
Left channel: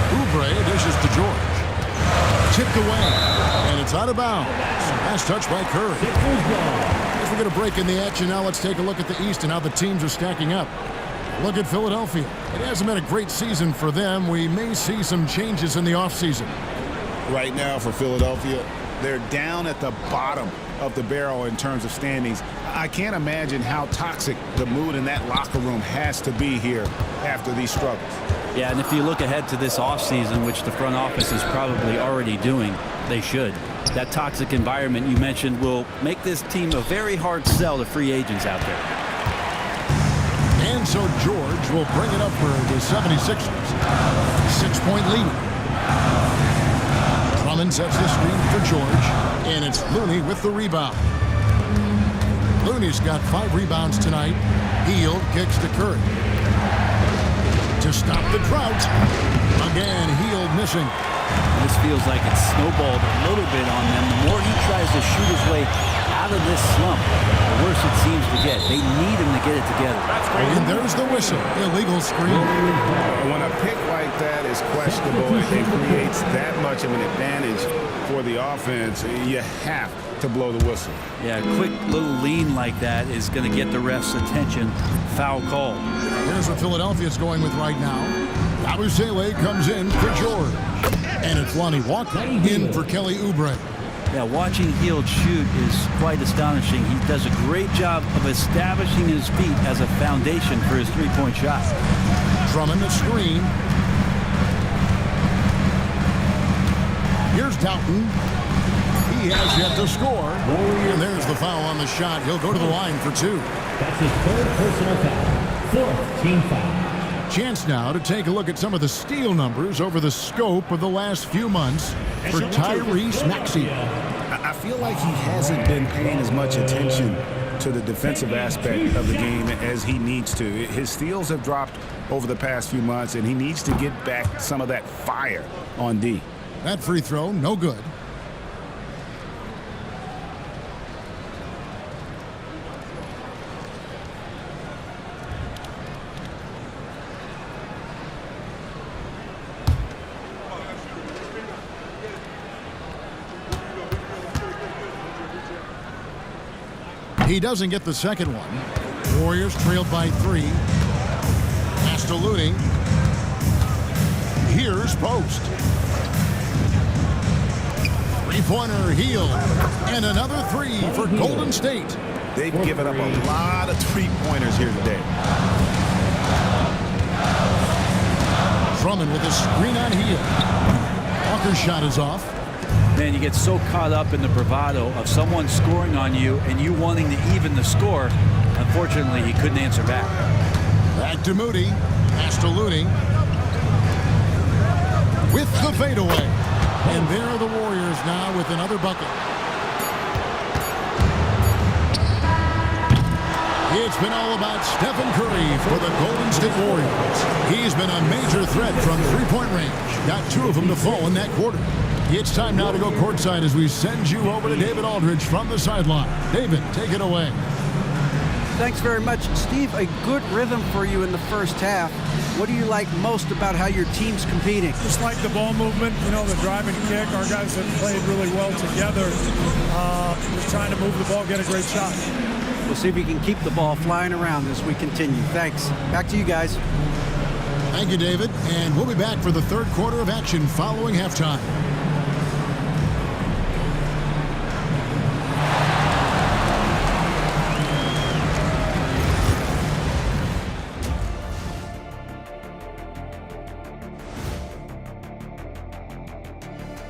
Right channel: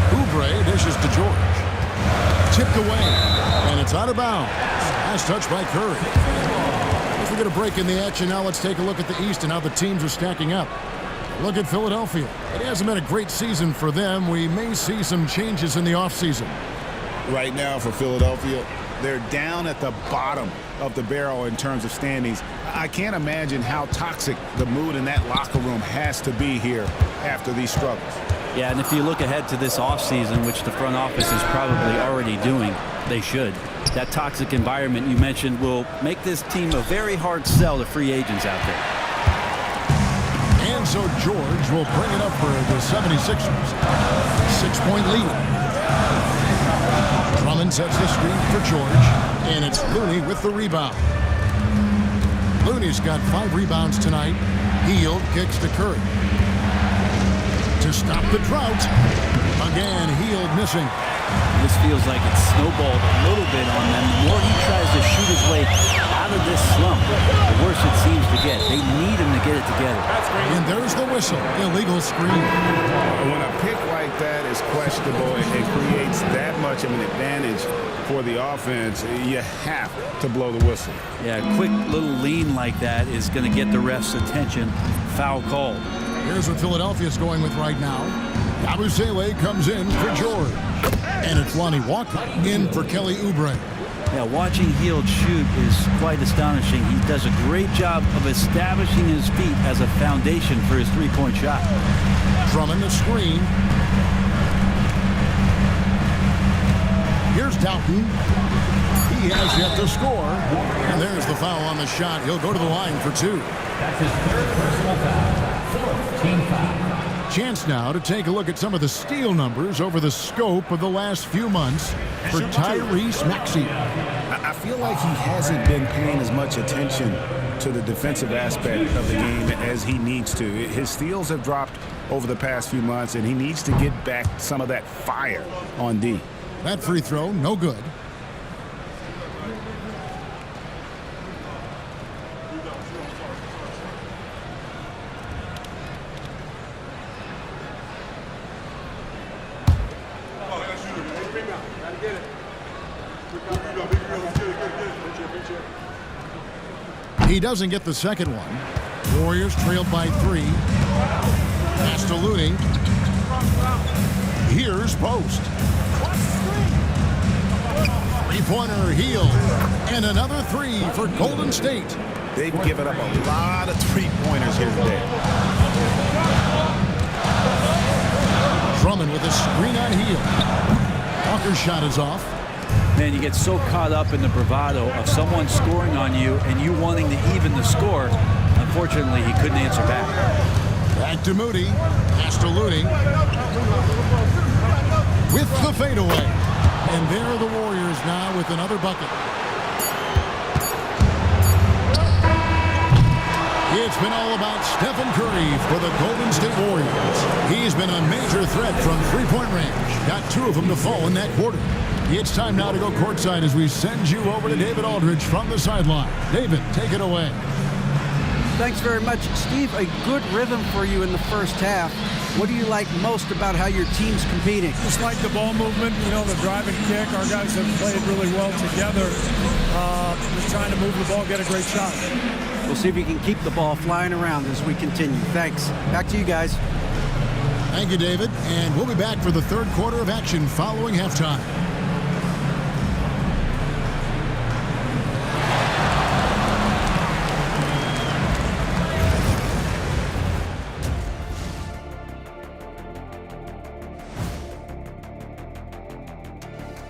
Oubre dishes to George. Tipped away, and it's out of bounds. Last touch by Curry. As we get a break in the action now, let's take a look at the East and how the teams are stacking up. Look at Philadelphia. It hasn't been a great season for them. We may see some changes in the offseason. Right now for Philadelphia, they're down at the bottom of the barrel in terms of standings. I can't imagine how toxic the mood in that locker room has to be here after these struggles. Yeah, and if you look ahead to this offseason, which the front office is probably already doing, they should. That toxic environment you mentioned will make this team a very hard sell to free agents out there. And so George will bring it up for the 76ers. 6-point lead. Drummond sets the screen for George, and it's Looney with the rebound. Looney's got 5 rebounds tonight. Hield kicks to Curry. To stop the drought. Again, Hield missing. This feels like it's snowballed a little bit on them. The more he tries to shoot his way out of this slump, the worse it seems to get. They need him to get it together. And there's the whistle. Illegal screen. When a pick like that is questionable and creates that much of an advantage for the offense, you have to blow the whistle. Yeah, a quick little lean like that is going to get the ref's attention. Foul call. Here's what Philadelphia's going with right now. Yabusele comes in for George. And it's Lonnie Walker in for Kelly Oubre. Yeah, watching Hield shoot is quite astonishing. He does a great job of establishing his feet as a foundation for his three-point shot. Drummond the screen. Here's Doughton. He has yet to score. And there's the foul on the shot. He'll go to the line for 2. That's his 3rd personal foul. 4th team foul. Chance now to take a look at some of the steal numbers over the scope of the last few months for Tyrese Maxey. I feel like he hasn't been paying as much attention to the defensive aspect of the game as he needs to. His steals have dropped over the past few months, and he needs to get back some of that fire on D. That free throw, no good. He doesn't get the second one. Warriors trailed by 3. Pass to Looney. Here's Post. Three-pointer Hield. And another 3 for Golden State. They've given up a lot of three-pointers here today. Drummond with a screen on Hield. Walker's shot is off. Man, you get so caught up in the bravado of someone scoring on you and you wanting to even the score. Unfortunately, he couldn't answer back. Back to Moody. Pass to Looney. With the fadeaway. And there are the Warriors now with another bucket. It's been all about Stephen Curry for the Golden State Warriors. He's been a major threat from three-point range. Got 2 of them to fall in that quarter. It's time now to go courtside as we send you over to David Aldridge from the sideline. David, take it away. Thanks very much, Steve. A good rhythm for you in the first half. What do you like most about how your team's competing? Just like the ball movement, the drive and kick. Our guys have played really well together. Just trying to move the ball, get a great shot. We'll see if we can keep the ball flying around as we continue. Thanks. Back to you guys. Thank you, David. And we'll be back for the third quarter of action following halftime.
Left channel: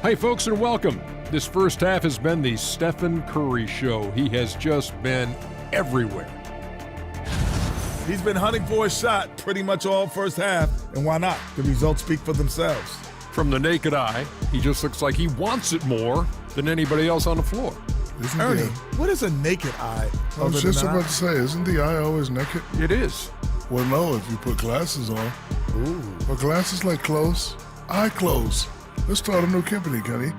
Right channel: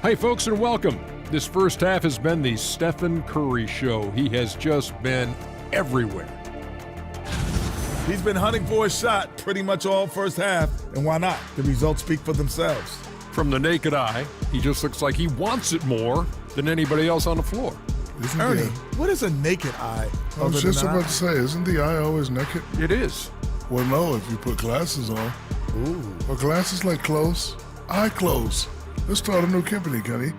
Hey folks, and welcome. This first half has been the Stephen Curry show. He has just been everywhere. He's been hunting for a shot pretty much all first half, and why not? The results speak for themselves. From the naked eye, he just looks like he wants it more than anybody else on the floor. Ernie, what is a naked eye? I was just about to say, isn't the eye always naked? It is. Well, no, if you put glasses on. Ooh. Well, glasses like clothes. Eye clothes. Let's start a new company, Kenny.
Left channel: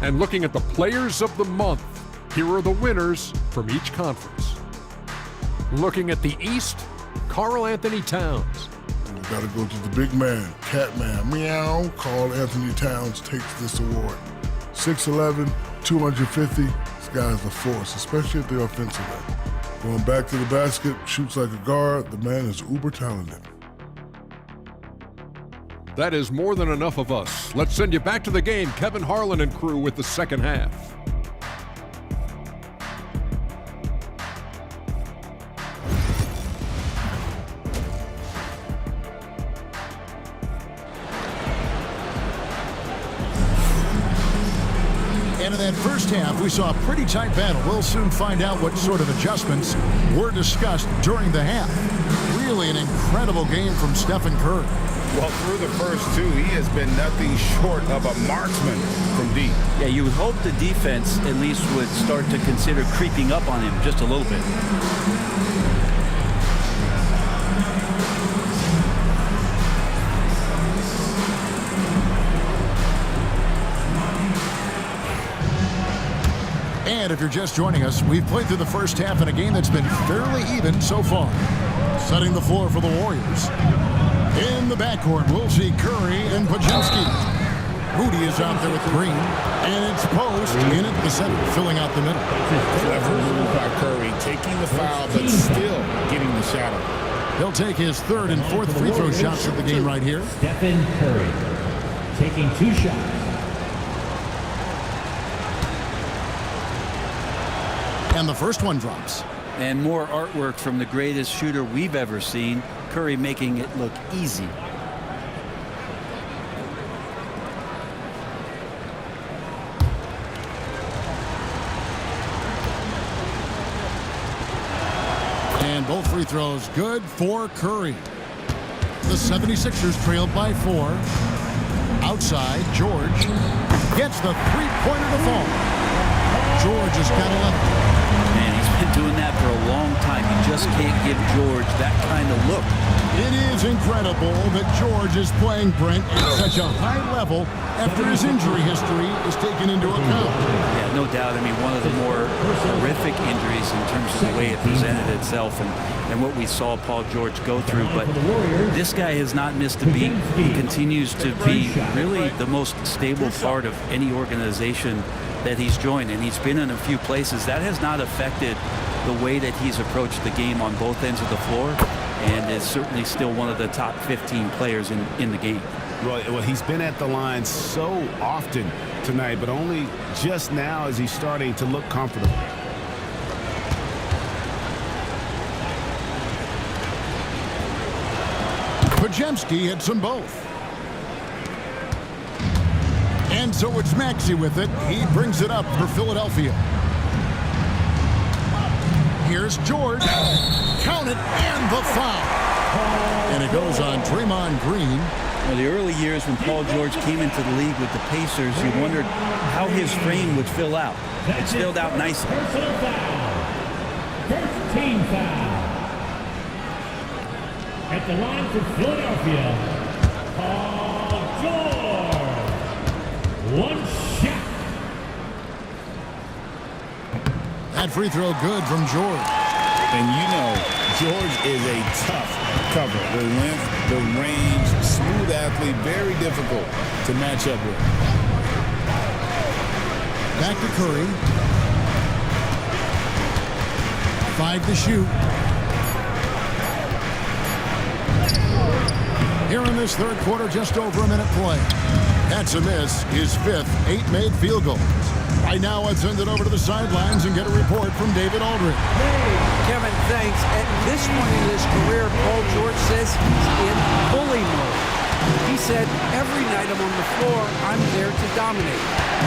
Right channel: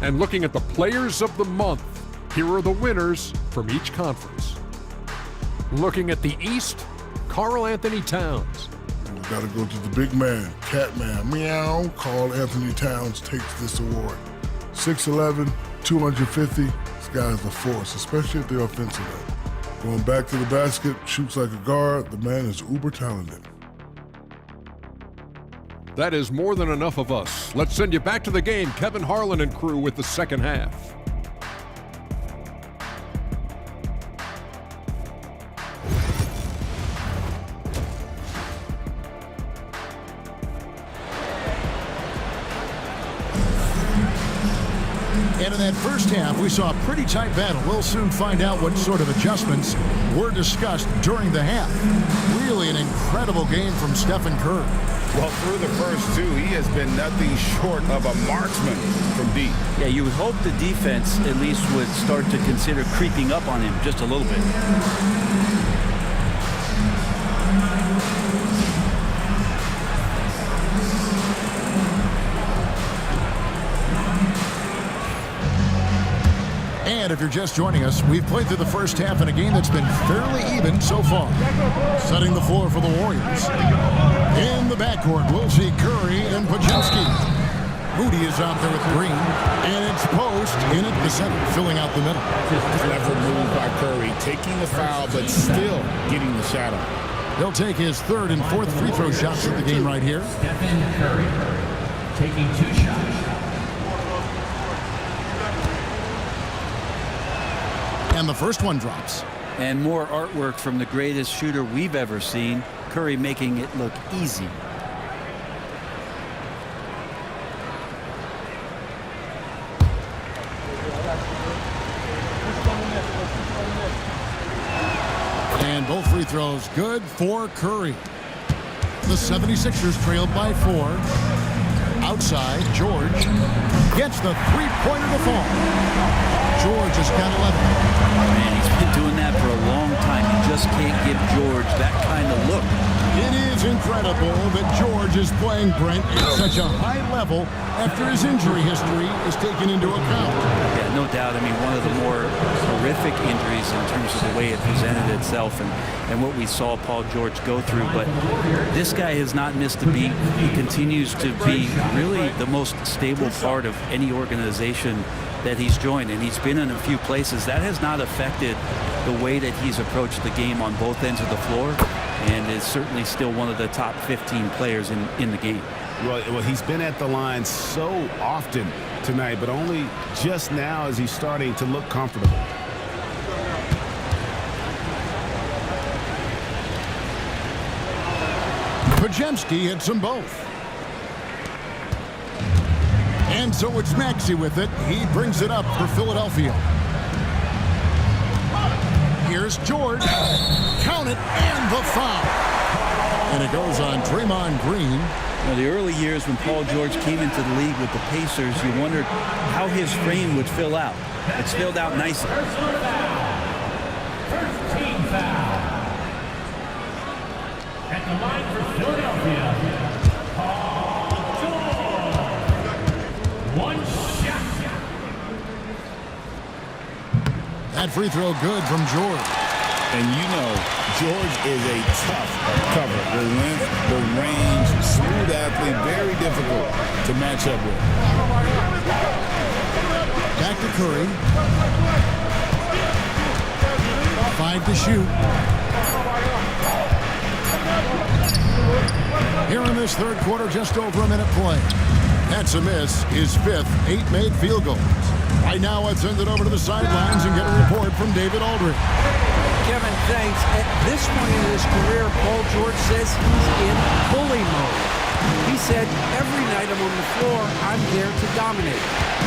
And looking at the players of the month, here are the winners from each conference. Looking at the East, Karl Anthony Towns. We got to go to the big man, Catman, meow. Karl Anthony Towns takes this award. 6'11", 250. This guy's a force, especially at the offensive end. Going back to the basket, shoots like a guard. The man is uber talented. That is more than enough of us. Let's send you back to the game, Kevin Harlan and crew, with the second half. And in that first half, we saw a pretty tight battle. We'll soon find out what sort of adjustments were discussed during the half. Really an incredible game from Stephen Curry. Well, through the first two, he has been nothing short of a marksman from deep. Yeah, you would hope the defense at least would start to consider creeping up on him just a little bit. And if you're just joining us, we've played through the first half in a game that's been fairly even so far. Setting the floor for the Warriors. In the backcourt, we'll see Curry and Podziemski. Moody is out there with Green, and it's Post in at the center, filling out the middle. Clever move by Curry, taking the foul, but still getting the shadow. He'll take his third and fourth free throw shots of the game right here. Stephen Curry taking 2 shots. And the first one drops. And more artwork from the greatest shooter we've ever seen. Curry making it look easy. And both free throws good for Curry. The 76ers trailed by 4. Outside, George gets the three-pointer to fall. George has got 11. Man, he's been doing that for a long time. You just can't give George that kind of look. It is incredible that George is playing Brent at such a high level after his injury history is taken into account. Yeah, no doubt. I mean, one of the more horrific injuries in terms of the way it presented itself and what we saw Paul George go through. But this guy has not missed a beat. He continues to be really the most stable part of any organization that he's joined, and he's been in a few places. That has not affected the way that he's approached the game on both ends of the floor, and is certainly still one of the top 15 players in the game. Well, he's been at the line so often tonight, but only just now is he starting to look comfortable. Podziemski hits them both. And so it's Maxey with it. He brings it up for Philadelphia. Here's George. Count it, and the foul. And it goes on Draymond Green. You know, the early years when Paul George came into the league with the Pacers, you wondered how his frame would fill out. It's filled out nicely. Personal foul. First team foul. At the line for Philadelphia, Paul George. One shot. That free throw good from George. And you know, George is a tough cover. The length, the range, smooth athlete, very difficult to match up with. Back to Curry. 5 to shoot. Here in this third quarter, just over a minute play. That's a miss, his 5th, 8 made field goals. Right now, let's send it over to the sidelines and get a report from David Aldridge. Kevin, thanks. At this point in his career, Paul George says he's in bully mode. He said, every night I'm on the floor, I'm there to dominate.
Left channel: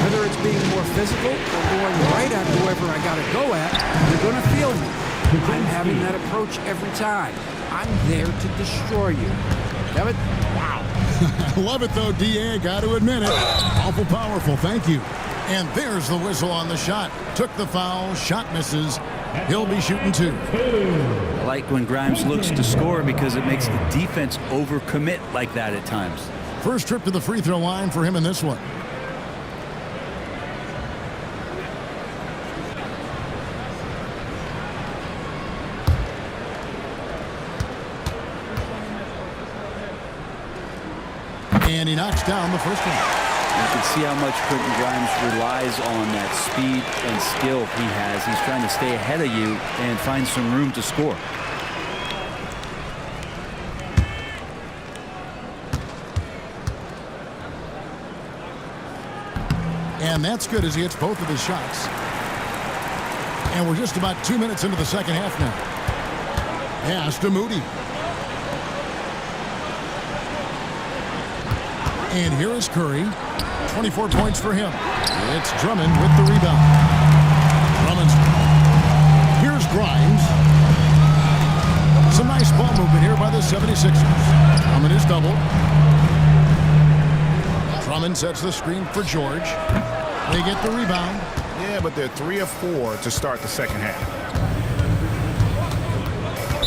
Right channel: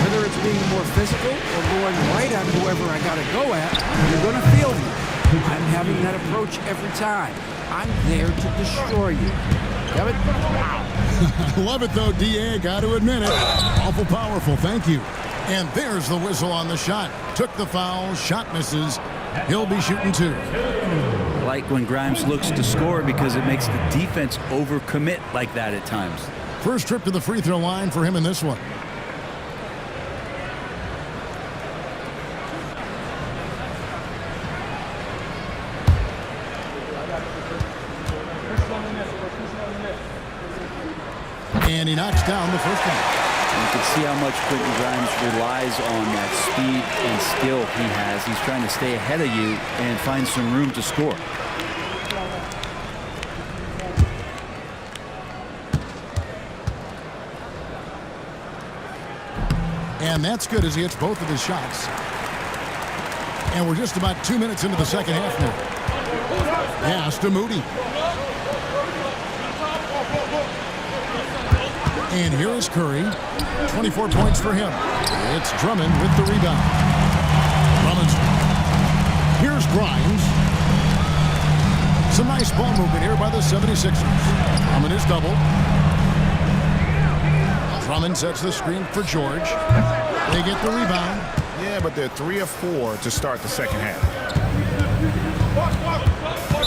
Whether it's being more physical or going right at whoever I got to go at, you're going to feel me. I'm having that approach every time. I'm there to destroy you. Kevin? Wow. I love it, though, D.A. Got to admit it. Awful powerful. Thank you. And there's the whistle on the shot. Took the foul. Shot misses. He'll be shooting 2. I like when Grimes looks to score because it makes the defense overcommit like that at times. First trip to the free throw line for him in this one. And he knocks down the first one. You can see how much Quentin Grimes relies on that speed and skill he has. He's trying to stay ahead of you and find some room to score. And that's good as he hits both of his shots. And we're just about 2 minutes into the second half now. Pass to Moody. And here is Curry. 24 points for him. It's Drummond with the rebound. Drummond's. Here's Grimes. Some nice ball movement here by the 76ers. Drummond is doubled. Drummond sets the screen for George. They get the rebound. Yeah, but they're 3 of 4 to start the second half.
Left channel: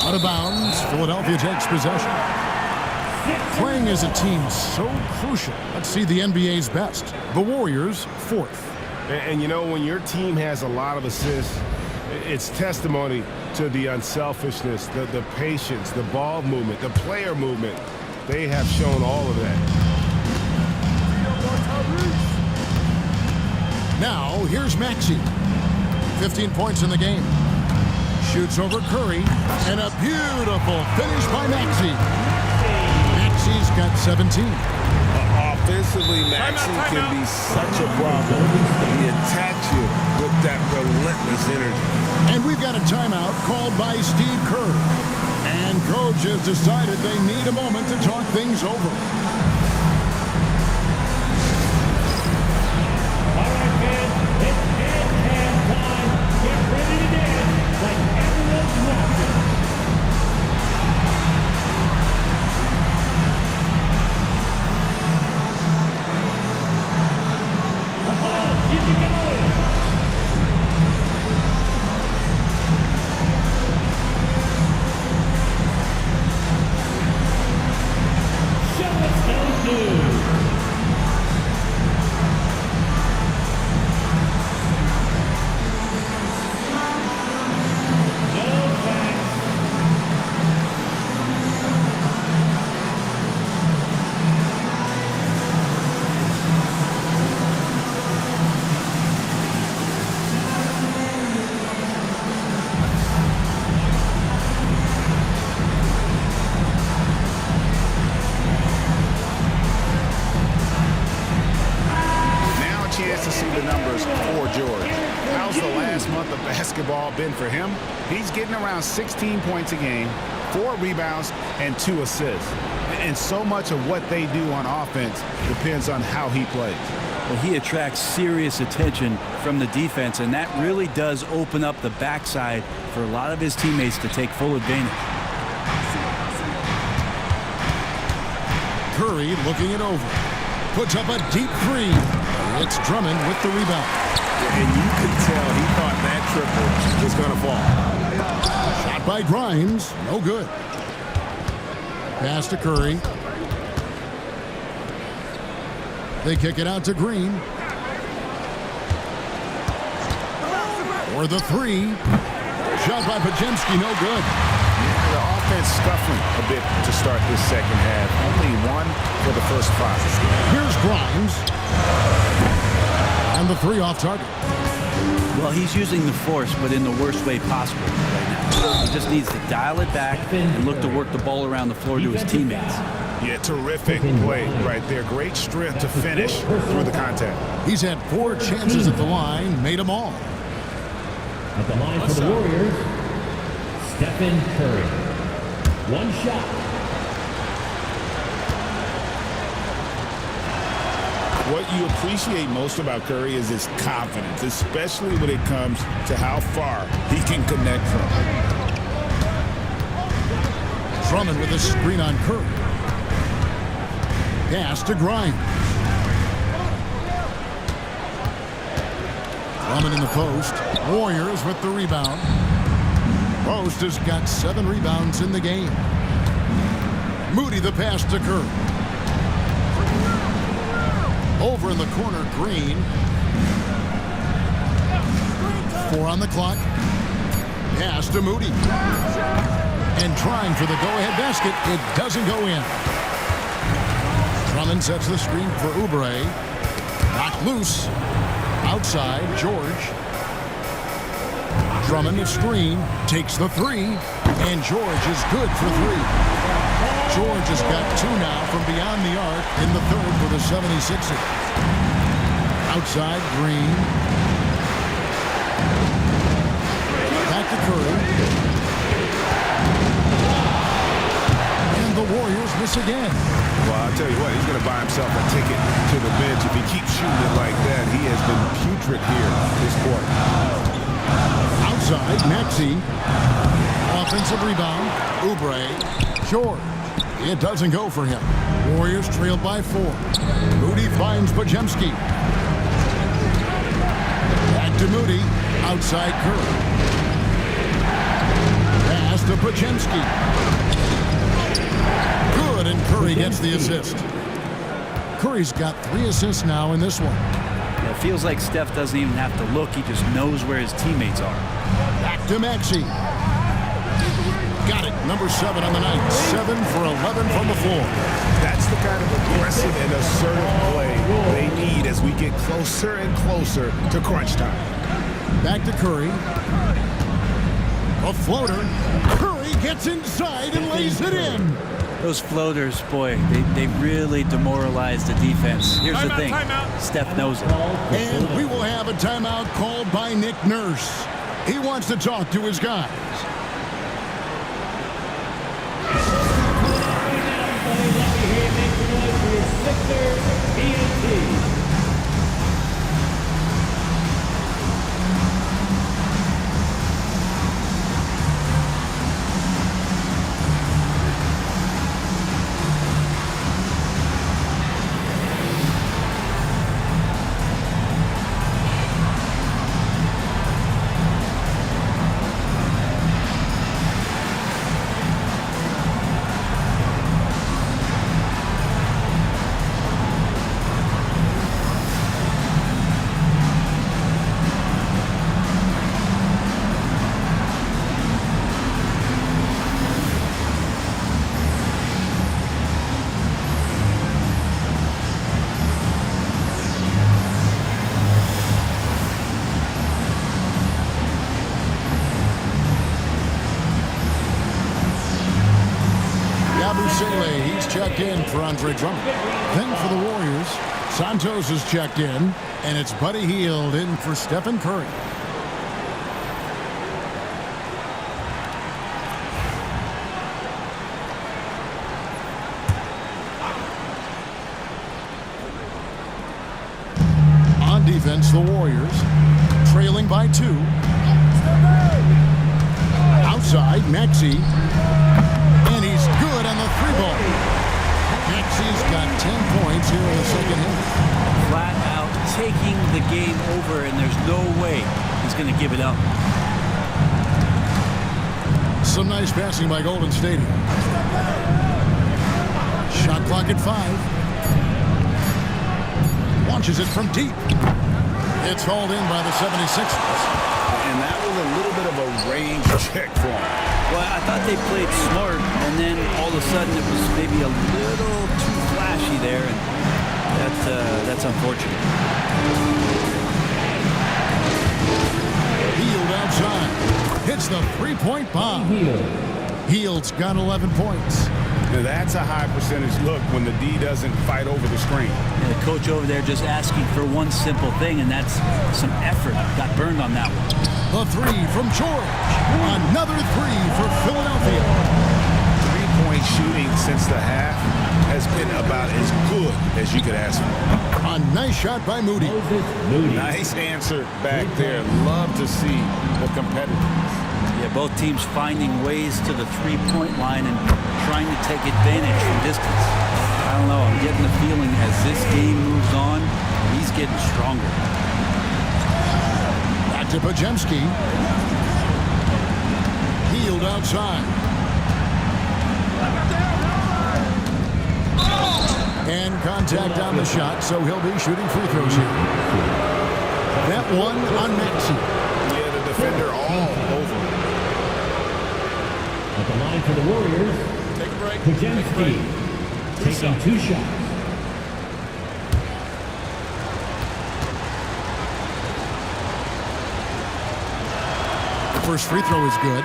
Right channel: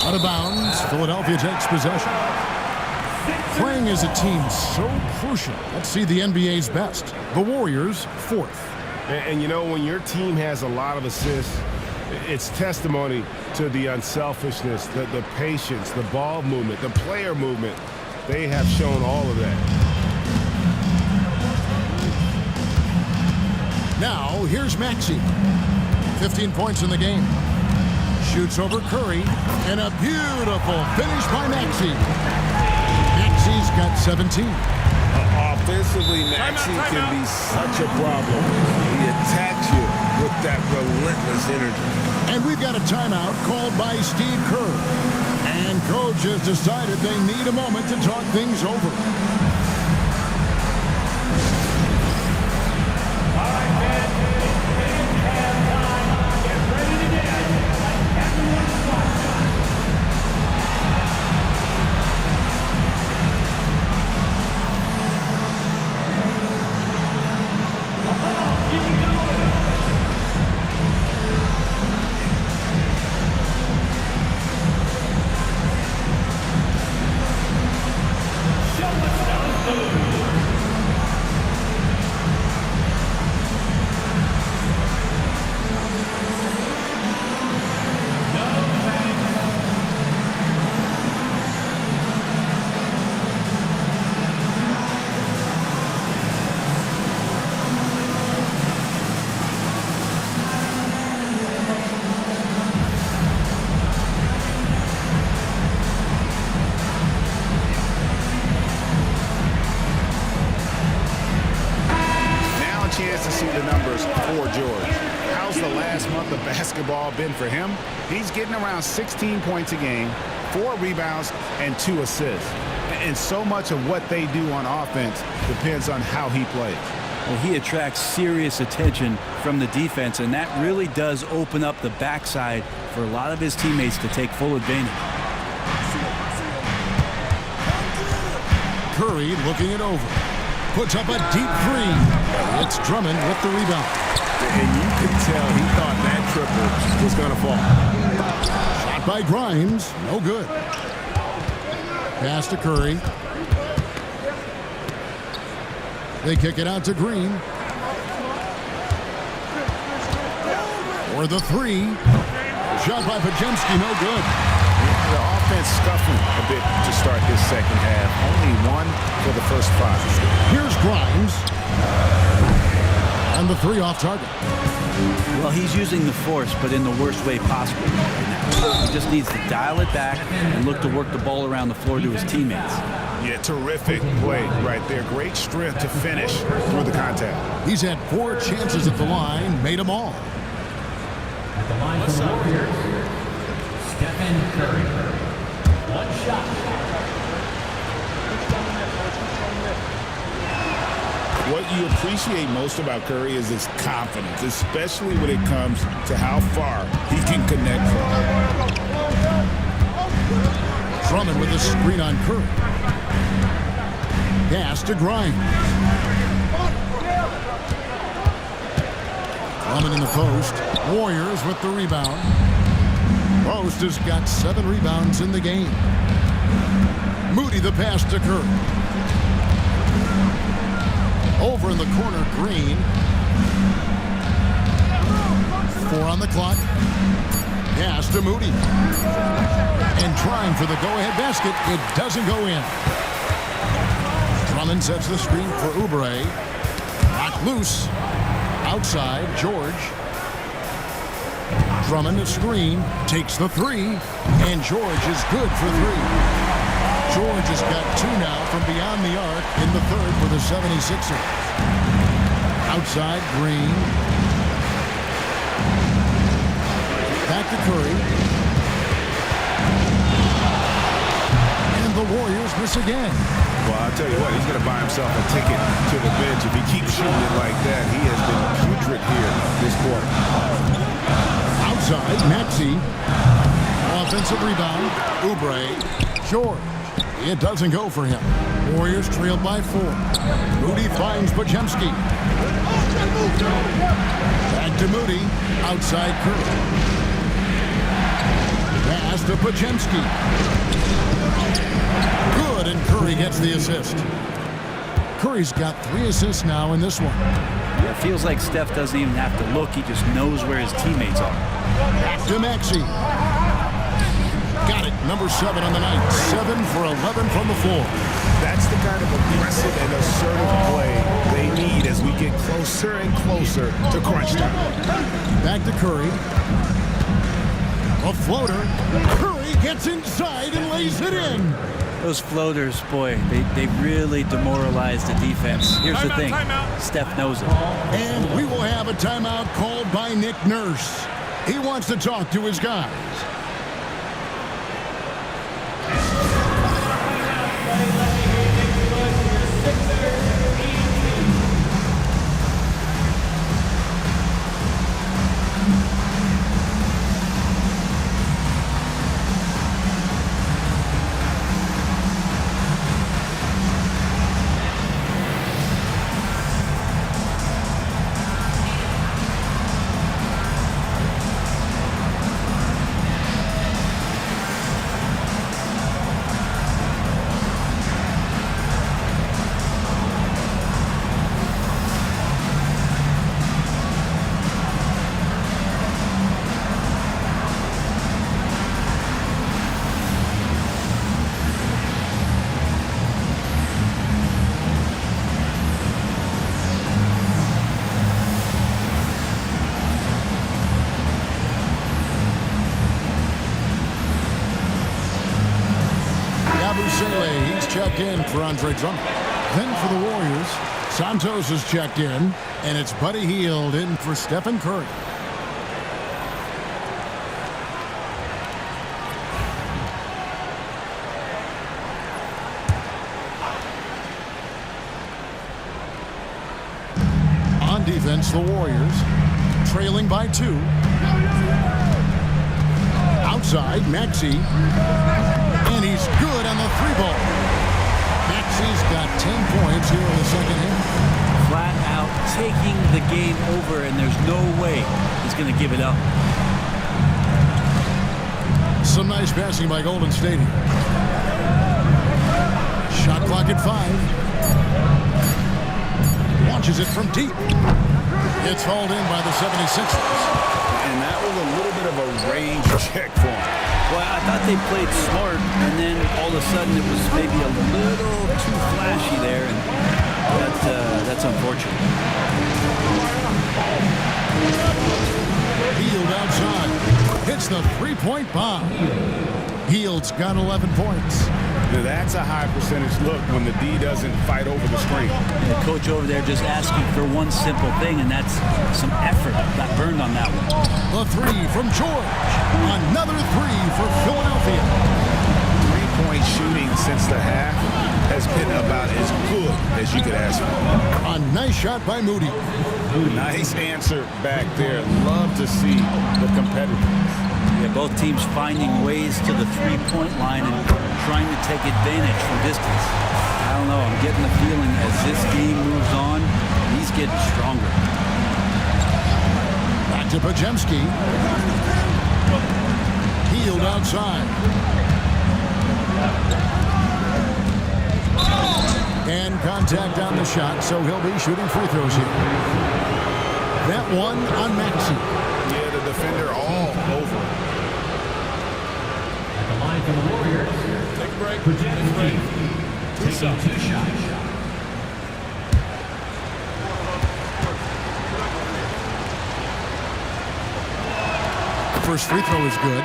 Out of bounds. Philadelphia takes possession. Playing as a team so crucial. Let's see the NBA's best. The Warriors, 4th. And you know, when your team has a lot of assists, it's testimony to the unselfishness, the patience, the ball movement, the player movement. They have shown all of that. Now, here's Maxey. 15 points in the game. Shoots over Curry. And a beautiful finish by Maxey. Maxey's got 17. Offensively, Maxey can be such a problem. He attacks you with that relentless energy. And we've got a timeout called by Steve Kerr. And coach has decided they need a moment to talk things over. Chance to see the numbers for George. How's the last month of basketball been for him? He's getting around 16 points a game, 4 rebounds, and 2 assists. And so much of what they do on offense depends on how he plays. Well, he attracts serious attention from the defense, and that really does open up the backside for a lot of his teammates to take full advantage. Curry looking it over. Puts up a deep 3. It's Drummond with the rebound. And you could tell he thought that triple was going to fall. Shot by Grimes. No good. Pass to Curry. They kick it out to Green. For the 3. Shot by Pajemski. No good. Yeah, the offense scuffling a bit to start this second half. Only 1 for the first 5. Here's Grimes. And the 3 off target. Well, he's using the force, but in the worst way possible right now. He just needs to dial it back and look to work the ball around the floor to his teammates. Yeah, terrific play right there. Great strength to finish through the contact. He's had 4 chances at the line, made them all. At the line for the Warriors, Stephen Curry. 1 shot. What you appreciate most about Curry is his confidence, especially when it comes to how far he can connect from. Drummond with a screen on Curry. Pass to Grimes. Drummond in the post. Warriors with the rebound. Post has got 7 rebounds in the game. Moody the pass to Curry. Over in the corner, Green. 4 on the clock. Pass to Moody. And trying for the go-ahead basket. It doesn't go in. Drummond sets the screen for Oubre. Knocked loose. Outside, George. Drummond a screen. Takes the 3. And George is good for 3. George has got 2 now from beyond the arc in the third for the 76ers. Outside, Green. Back to Curry. And the Warriors miss again. Well, I'll tell you what, he's going to buy himself a ticket to the bench. If he keeps shooting it like that, he has been putrid here this quarter. Outside, Maxey. Offensive rebound. Oubre. George. It doesn't go for him. Warriors trailed by 4. Moody finds Podziemski. Back to Moody. Outside Curry. Pass to Podziemski. Good, and Curry gets the assist. Curry's got 3 assists now in this one. Yeah, it feels like Steph doesn't even have to look. He just knows where his teammates are. Back to Maxey. Got it. Number 7 on the night. 7 for 11 from the floor. That's the kind of aggressive and assertive play they need as we get closer and closer to crunch time. Back to Curry. A floater. Curry gets inside and lays it in. Those floaters, boy, they really demoralize the defense. Here's the thing. Steph knows it. And we will have a timeout called by Nick Nurse. He wants to talk to his guys. Abusele, he's checked in for Andre Drummond. Then for the Warriors, Santos is checked in, and it's Buddy Hield in for Stephen Curry. On defense, the Warriors, trailing by 2. Outside, Maxey. And he's good on the 3-ball. Maxey's got 10 points here in the second half. Flat out taking the game over, and there's no way he's going to give it up. Some nice passing by Golden State here. Shot clock at 5. Launches it from deep. It's hauled in by the 76ers. And that was a little bit of a range check for him. Well, I thought they played smart, and then all of a sudden it was maybe a little too flashy there, and that's unfortunate. Hield outside. Hits the 3-point bomb. Hield's got 11 points. Now that's a high percentage look when the D doesn't fight over the screen. And the coach over there just asking for one simple thing, and that's some effort. Got burned on that one. The 3 from George. Another 3 for Philadelphia. three-point shooting since the half has been about as good as you could ask for. A nice shot by Moody. Nice answer back there. Love to see the competitiveness. Yeah, both teams finding ways to the three-point line and trying to take advantage from distance. I don't know, I'm getting the feeling as this game moves on, he's getting stronger. Back to Pajemski. Healed outside. And contact on the shot, so he'll be shooting free throws here. That one on Maxey. Yeah, the defender all over it. At the line for the Warriors, Take a break. Pajemski, taking 2 shots. First free throw is good.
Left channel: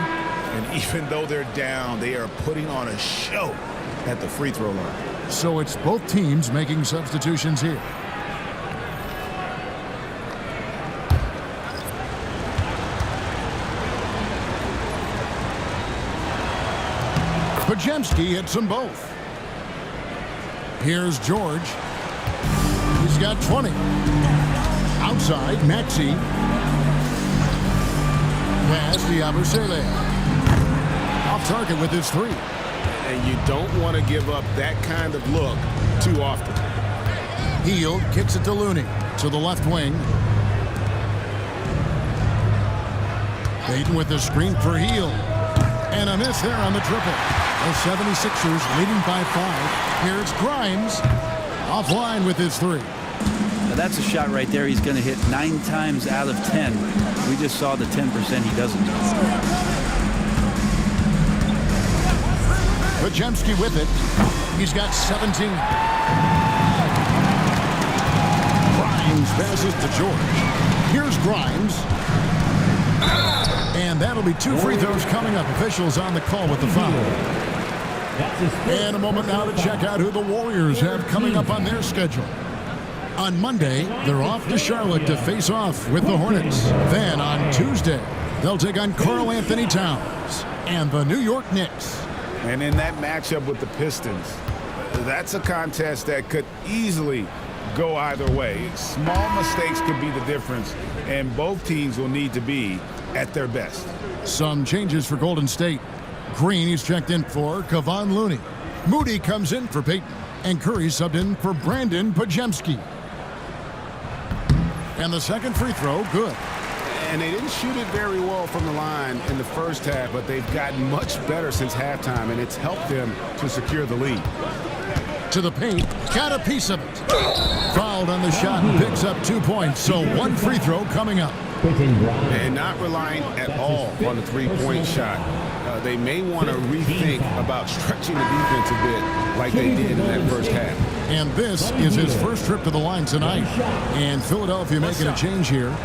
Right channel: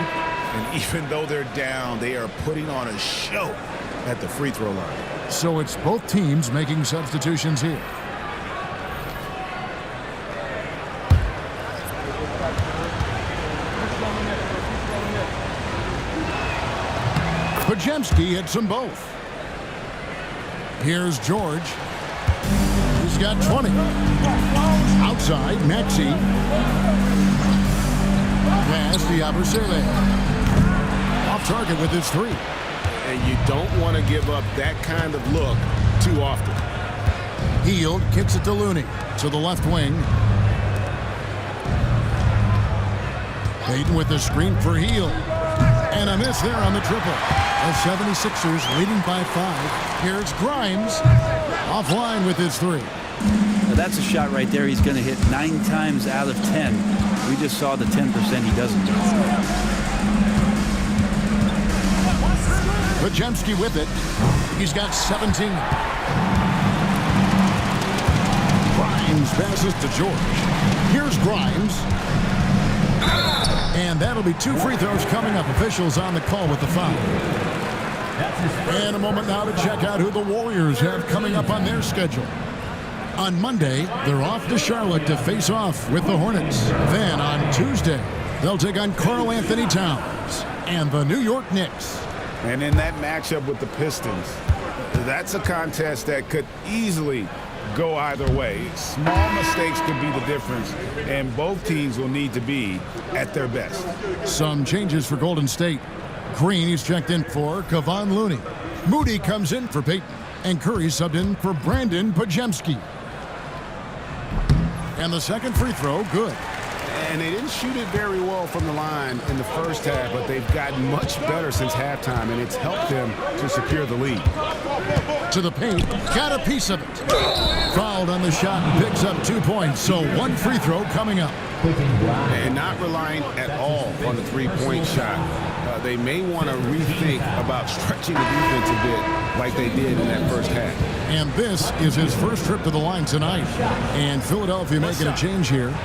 And even though they're down, they are putting on a show at the free throw line. So it's both teams making substitutions here. Pajemski hits them both. Here's George. He's got 20. Outside, Maxey. Pass to Yabusele. Off target with his 3. And you don't want to give up that kind of look too often. Hield kicks it to Looney to the left wing. Payton with the screen for Hield. And a miss there on the triple. The 76ers leading by 5. Here's Grimes offline with his 3. Now that's a shot right there he's going to hit 9 times out of 10. We just saw the 10% he doesn't do. Pajemski with it. He's got 17. Grimes passes to George. Here's Grimes. And that'll be 2 free throws coming up. Officials on the call with the foul. And a moment now to check out who the Warriors have coming up on their schedule. On Monday, they're off to Charlotte to face off with the Hornets. Then on Tuesday, they'll take on Karl Anthony Towns and the New York Knicks. And in that matchup with the Pistons, that's a contest that could easily go either way. Small mistakes could be the difference, and both teams will need to be at their best. Some changes for Golden State. Green is checked in for Kevon Looney. Moody comes in for Payton, and Curry subbed in for Brandon Pajemski. And the second free throw, good. And they didn't shoot it very well from the line in the first half, but they've gotten much better since halftime, and it's helped them to secure the lead. To the paint, got a piece of it. Fouled on the shot and picks up 2 points, so 1 free throw coming up. And not relying at all on the three-point shot. They may want to rethink about stretching the defense a bit like they did in that first half. And this is his first trip to the line tonight. And Philadelphia making a change here.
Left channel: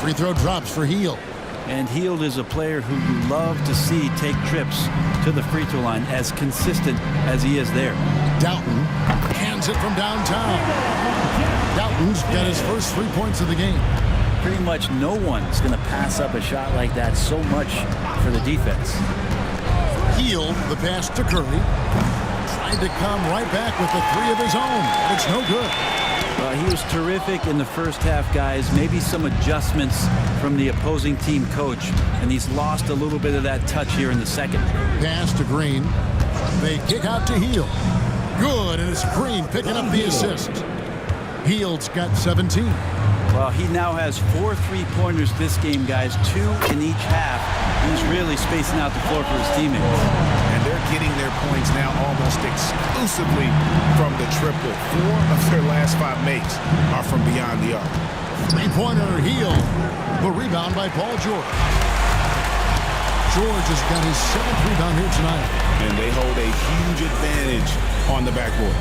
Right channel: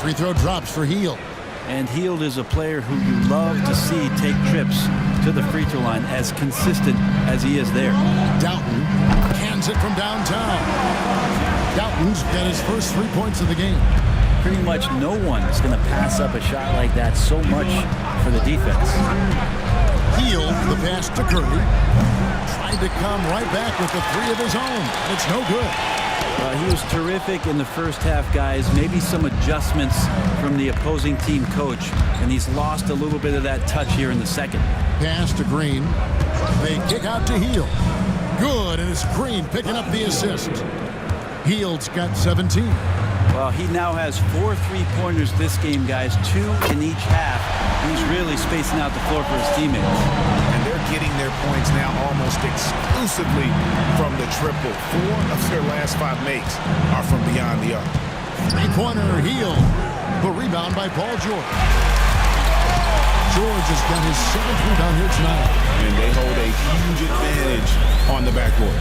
Free throw drops for Hield. And Hield is a player who you love to see take trips to the free throw line, as consistent as he is there. Doughton hands it from downtown. Doughton's got his first 3 points of the game. Pretty much no one's going to pass up a shot like that so much for the defense. Hield the pass to Curry. Tried to come right back with the 3 of his own, but it's no good. He was terrific in the first half, guys. Maybe some adjustments from the opposing team coach, and he's lost a little bit of that touch here in the second. Pass to Green. They kick out to Hield. Good, and it's Green picking up the assist. Hield's got 17. Well, he now has 4 3-pointers this game, guys, 2 in each half. He's really spacing out the floor for his teammates. And they're getting their points now almost exclusively from the triple. 4 of their last 5 makes are from beyond the arc. 3-pointer Hield. The rebound by Paul George. George has got his 7th rebound here tonight. And they hold a huge advantage on the backboard.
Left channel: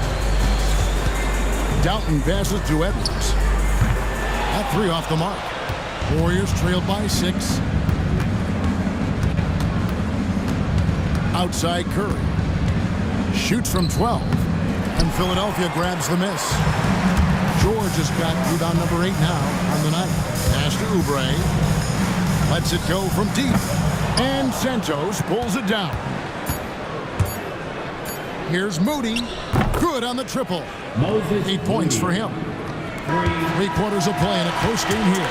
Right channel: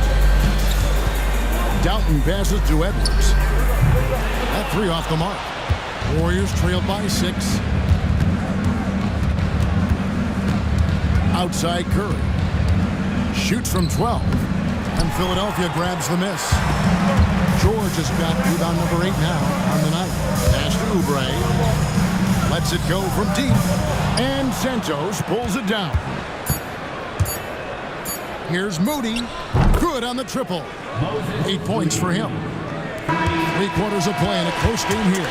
Doughton passes to Edwards. That 3 off the mark. Warriors trailed by 6. Outside Curry. Shoots from 12. And Philadelphia grabs the miss. George has got rebound number 8 now on the night. Pass to Oubre. Lets it go from deep. And Santos pulls it down. Here's Moody. Good on the triple. 8 points for him. 3 quarters of play in a close game here.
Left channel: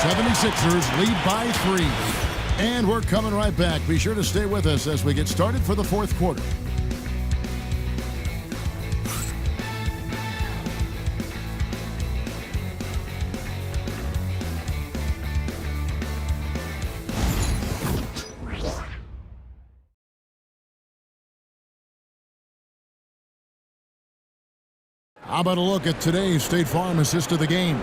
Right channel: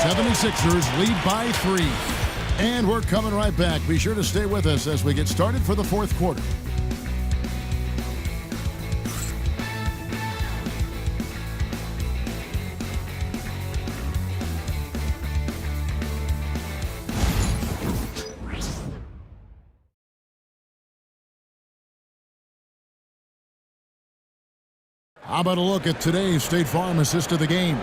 76ers lead by 3. And we're coming right back. Be sure to stay with us as we get started for the fourth quarter. How about a look at today's State Farm assist of the game?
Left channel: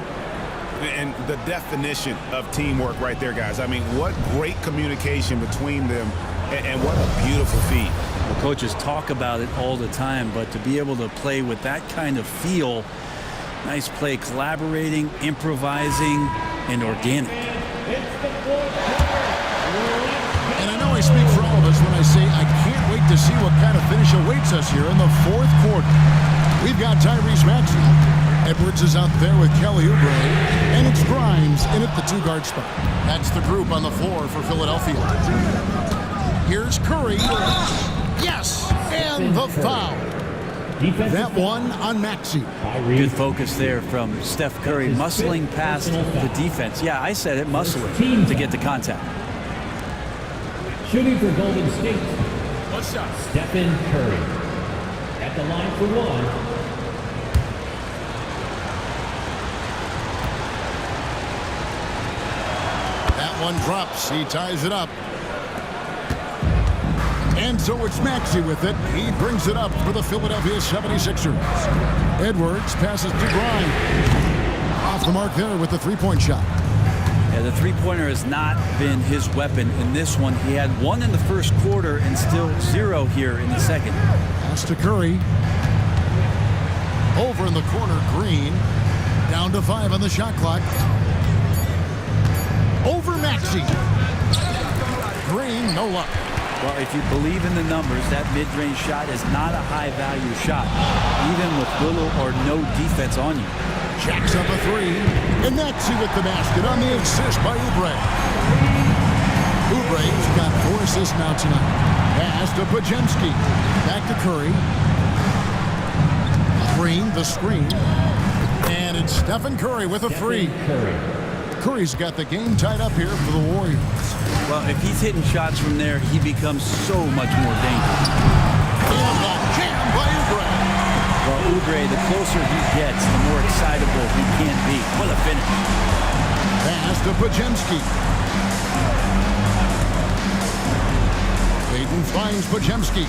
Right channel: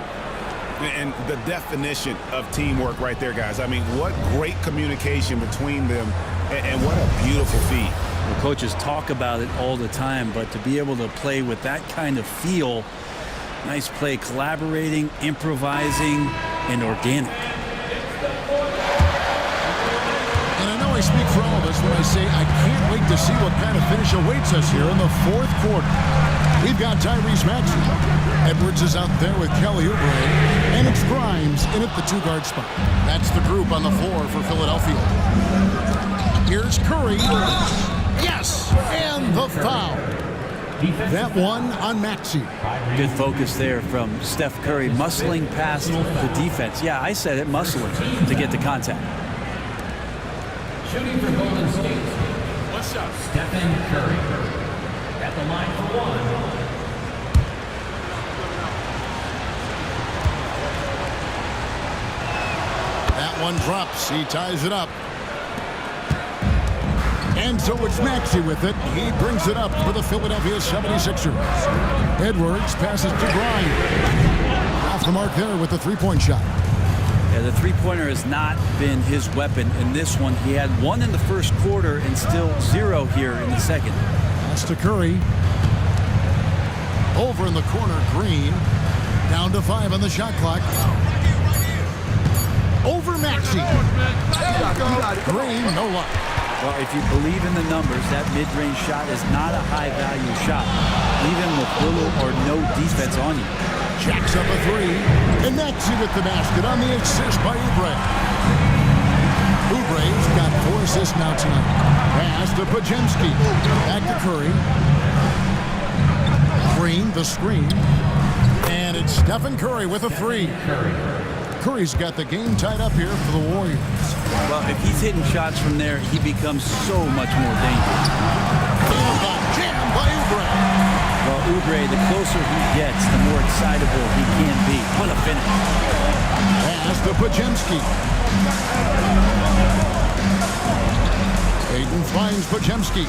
And the definition of teamwork right there, guys. I mean, what great communication between them, and what a beautiful feat. Well, coaches talk about it all the time, but to be able to play with that kind of feel, nice play, collaborating, improvising, and organic. And I know I speak for all of us when I say I can't wait to see what kind of finish awaits us here in the fourth quarter. We've got Tyrese Maxey. Edwards is out there with Kelly Oubre. And it's Grimes in at the 2-guard spot. That's the group on the floor for Philadelphia. Here's Curry. Yes! And the foul. That one on Maxey. Good focus there from Steph Curry, muscling past the defense. Yeah, I said it, muscling to get the contact. Shooting for Golden State. What's up? Stephen Curry. At the line for 1. That one drops. He ties it up. And so it's Maxey with it. He brings it up for the Philadelphia 76ers. Edwards passes to Grimes. Off the mark there with the three-point shot. Yeah, the three-pointer has not been his weapon in this one. He had 1 in the first quarter and still 0 here in the second. Pass to Curry. Over in the corner, Green. Down to 5 on the shot clock. Over Maxey. Green, no luck. Well, if you believe in the numbers, that mid-range shot is not a high-value shot, even with little or no defense on you. Jacks up a 3. And Maxey with the basket on the assist by Oubre. Oubre's got 4 assists now tonight. Pass to Podziemski. Back to Curry. Green, the screen. And it's Stephen Curry with a 3. Curry's got the game tied up here for the Warriors. Well, if he's hitting shots from there, he becomes so much more dangerous. And the jam by Oubre. Well, Oubre, the closer he gets, the more excitable he can be. What a finish. Pass to Podziemski. Ayton finds Podziemski.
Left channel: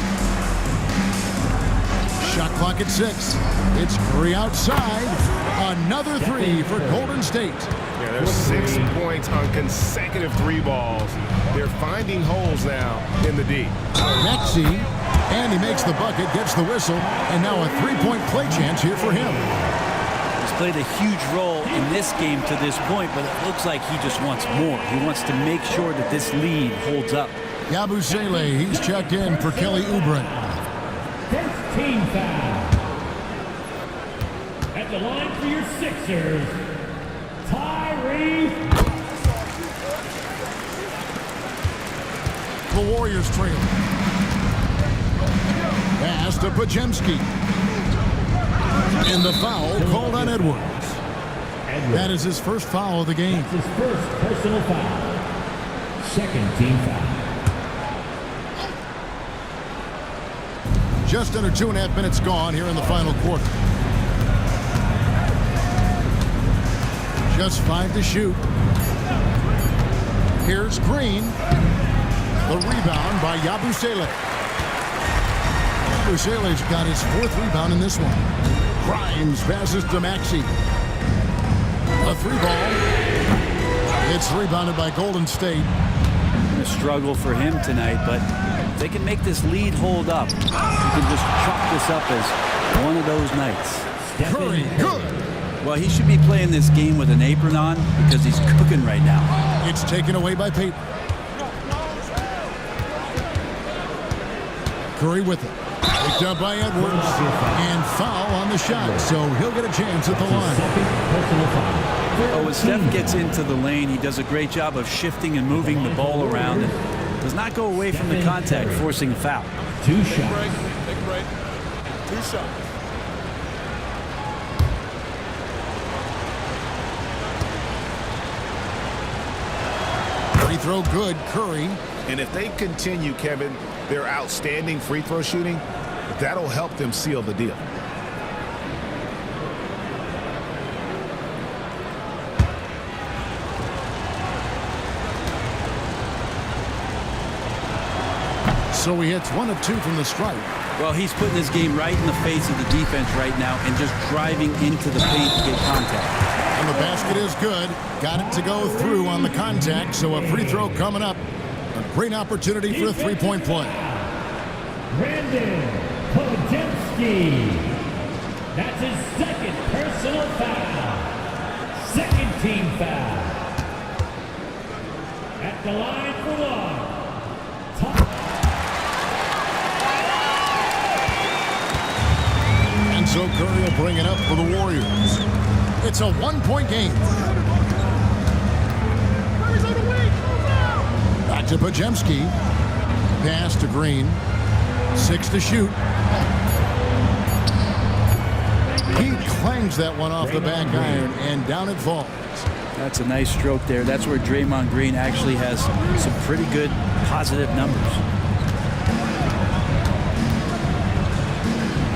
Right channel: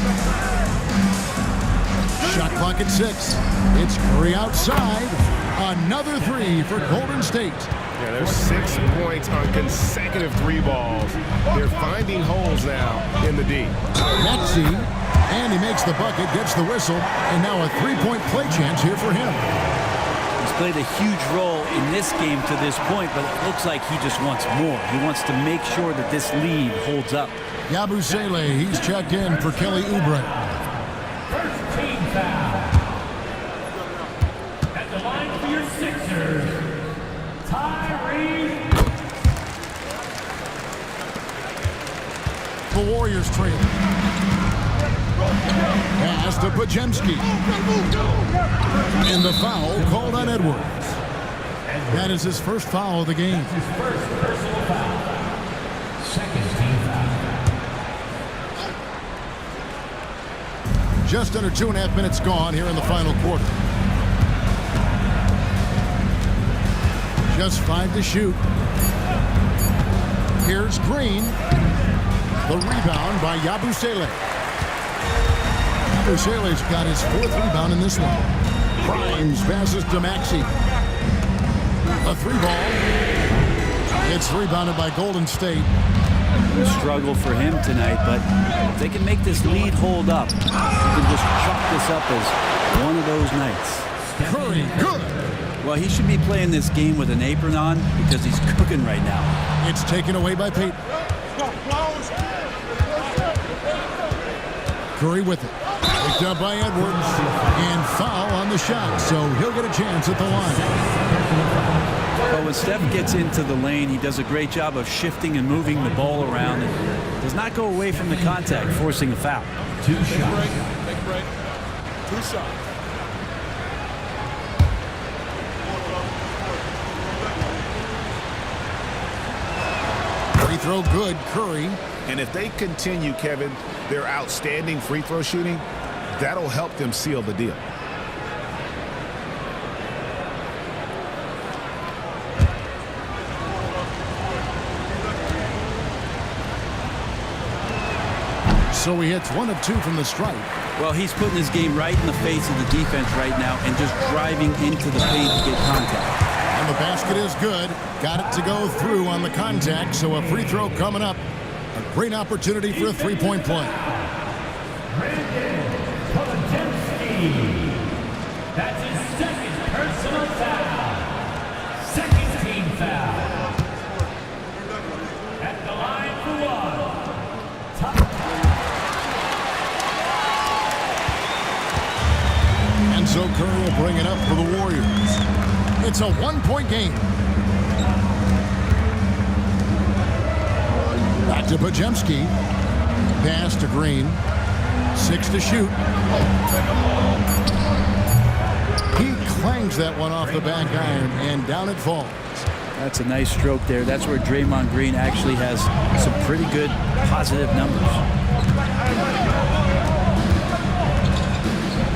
Shot clock at 6. It's Curry outside. Another 3 for Golden State. Yeah, there's 6 points on consecutive 3 balls. They're finding holes now in the D. Maxey, and he makes the bucket, gets the whistle, and now a 3-point play chance here for him. He's played a huge role in this game to this point, but it looks like he just wants more. He wants to make sure that this lead holds up. Yabusele, he's checked in for Kelly Oubre. First team foul. At the line for your Sixers, Tyrese. The Warriors trail. Pass to Podziemski. And the foul called on Edwards. That is his first foul of the game. That's his first personal foul. Second team foul. Just under 2.5 minutes gone here in the final quarter. Just 5 to shoot. Here's Green. The rebound by Yabusele. Yabusele's got his 4th rebound in this one. Grimes passes to Maxey. A 3-ball. It's rebounded by Golden State. A struggle for him tonight, but if they can make this lead hold up, you can just chalk this up as one of those nights. Curry, good. Well, he should be playing this game with an apron on because he's cooking right now. It's taken away by Payton. Curry with it. They Picked up by Edwards. And foul on the shot, so he'll get a chance at the line. Oh, when Steph gets into the lane, he does a great job of shifting and moving the ball around and does not go away from the contact, forcing a foul. Two shots. Take a break. 2 shots. Free throw good, Curry. And if they continue, Kevin, their outstanding free throw shooting, that'll help them seal the deal. So he hits 1 of 2 from the stripe. Well, he's putting his game right in the face of the defense right now and just driving into the paint to get contact. And the basket is good. Got it to go through on the contact, so a free throw coming up. A great opportunity for a three-point play. Brandon Podemski. That's his second personal foul. Second team foul. At the line for one. And so Curry will bring it up for the Warriors. It's a 1-point game. Back to Podemski. Pass to Green. 6 to shoot. He clangs that one off the back iron, and down it falls. That's a nice stroke there. That's where Draymond Green actually has some pretty good positive numbers.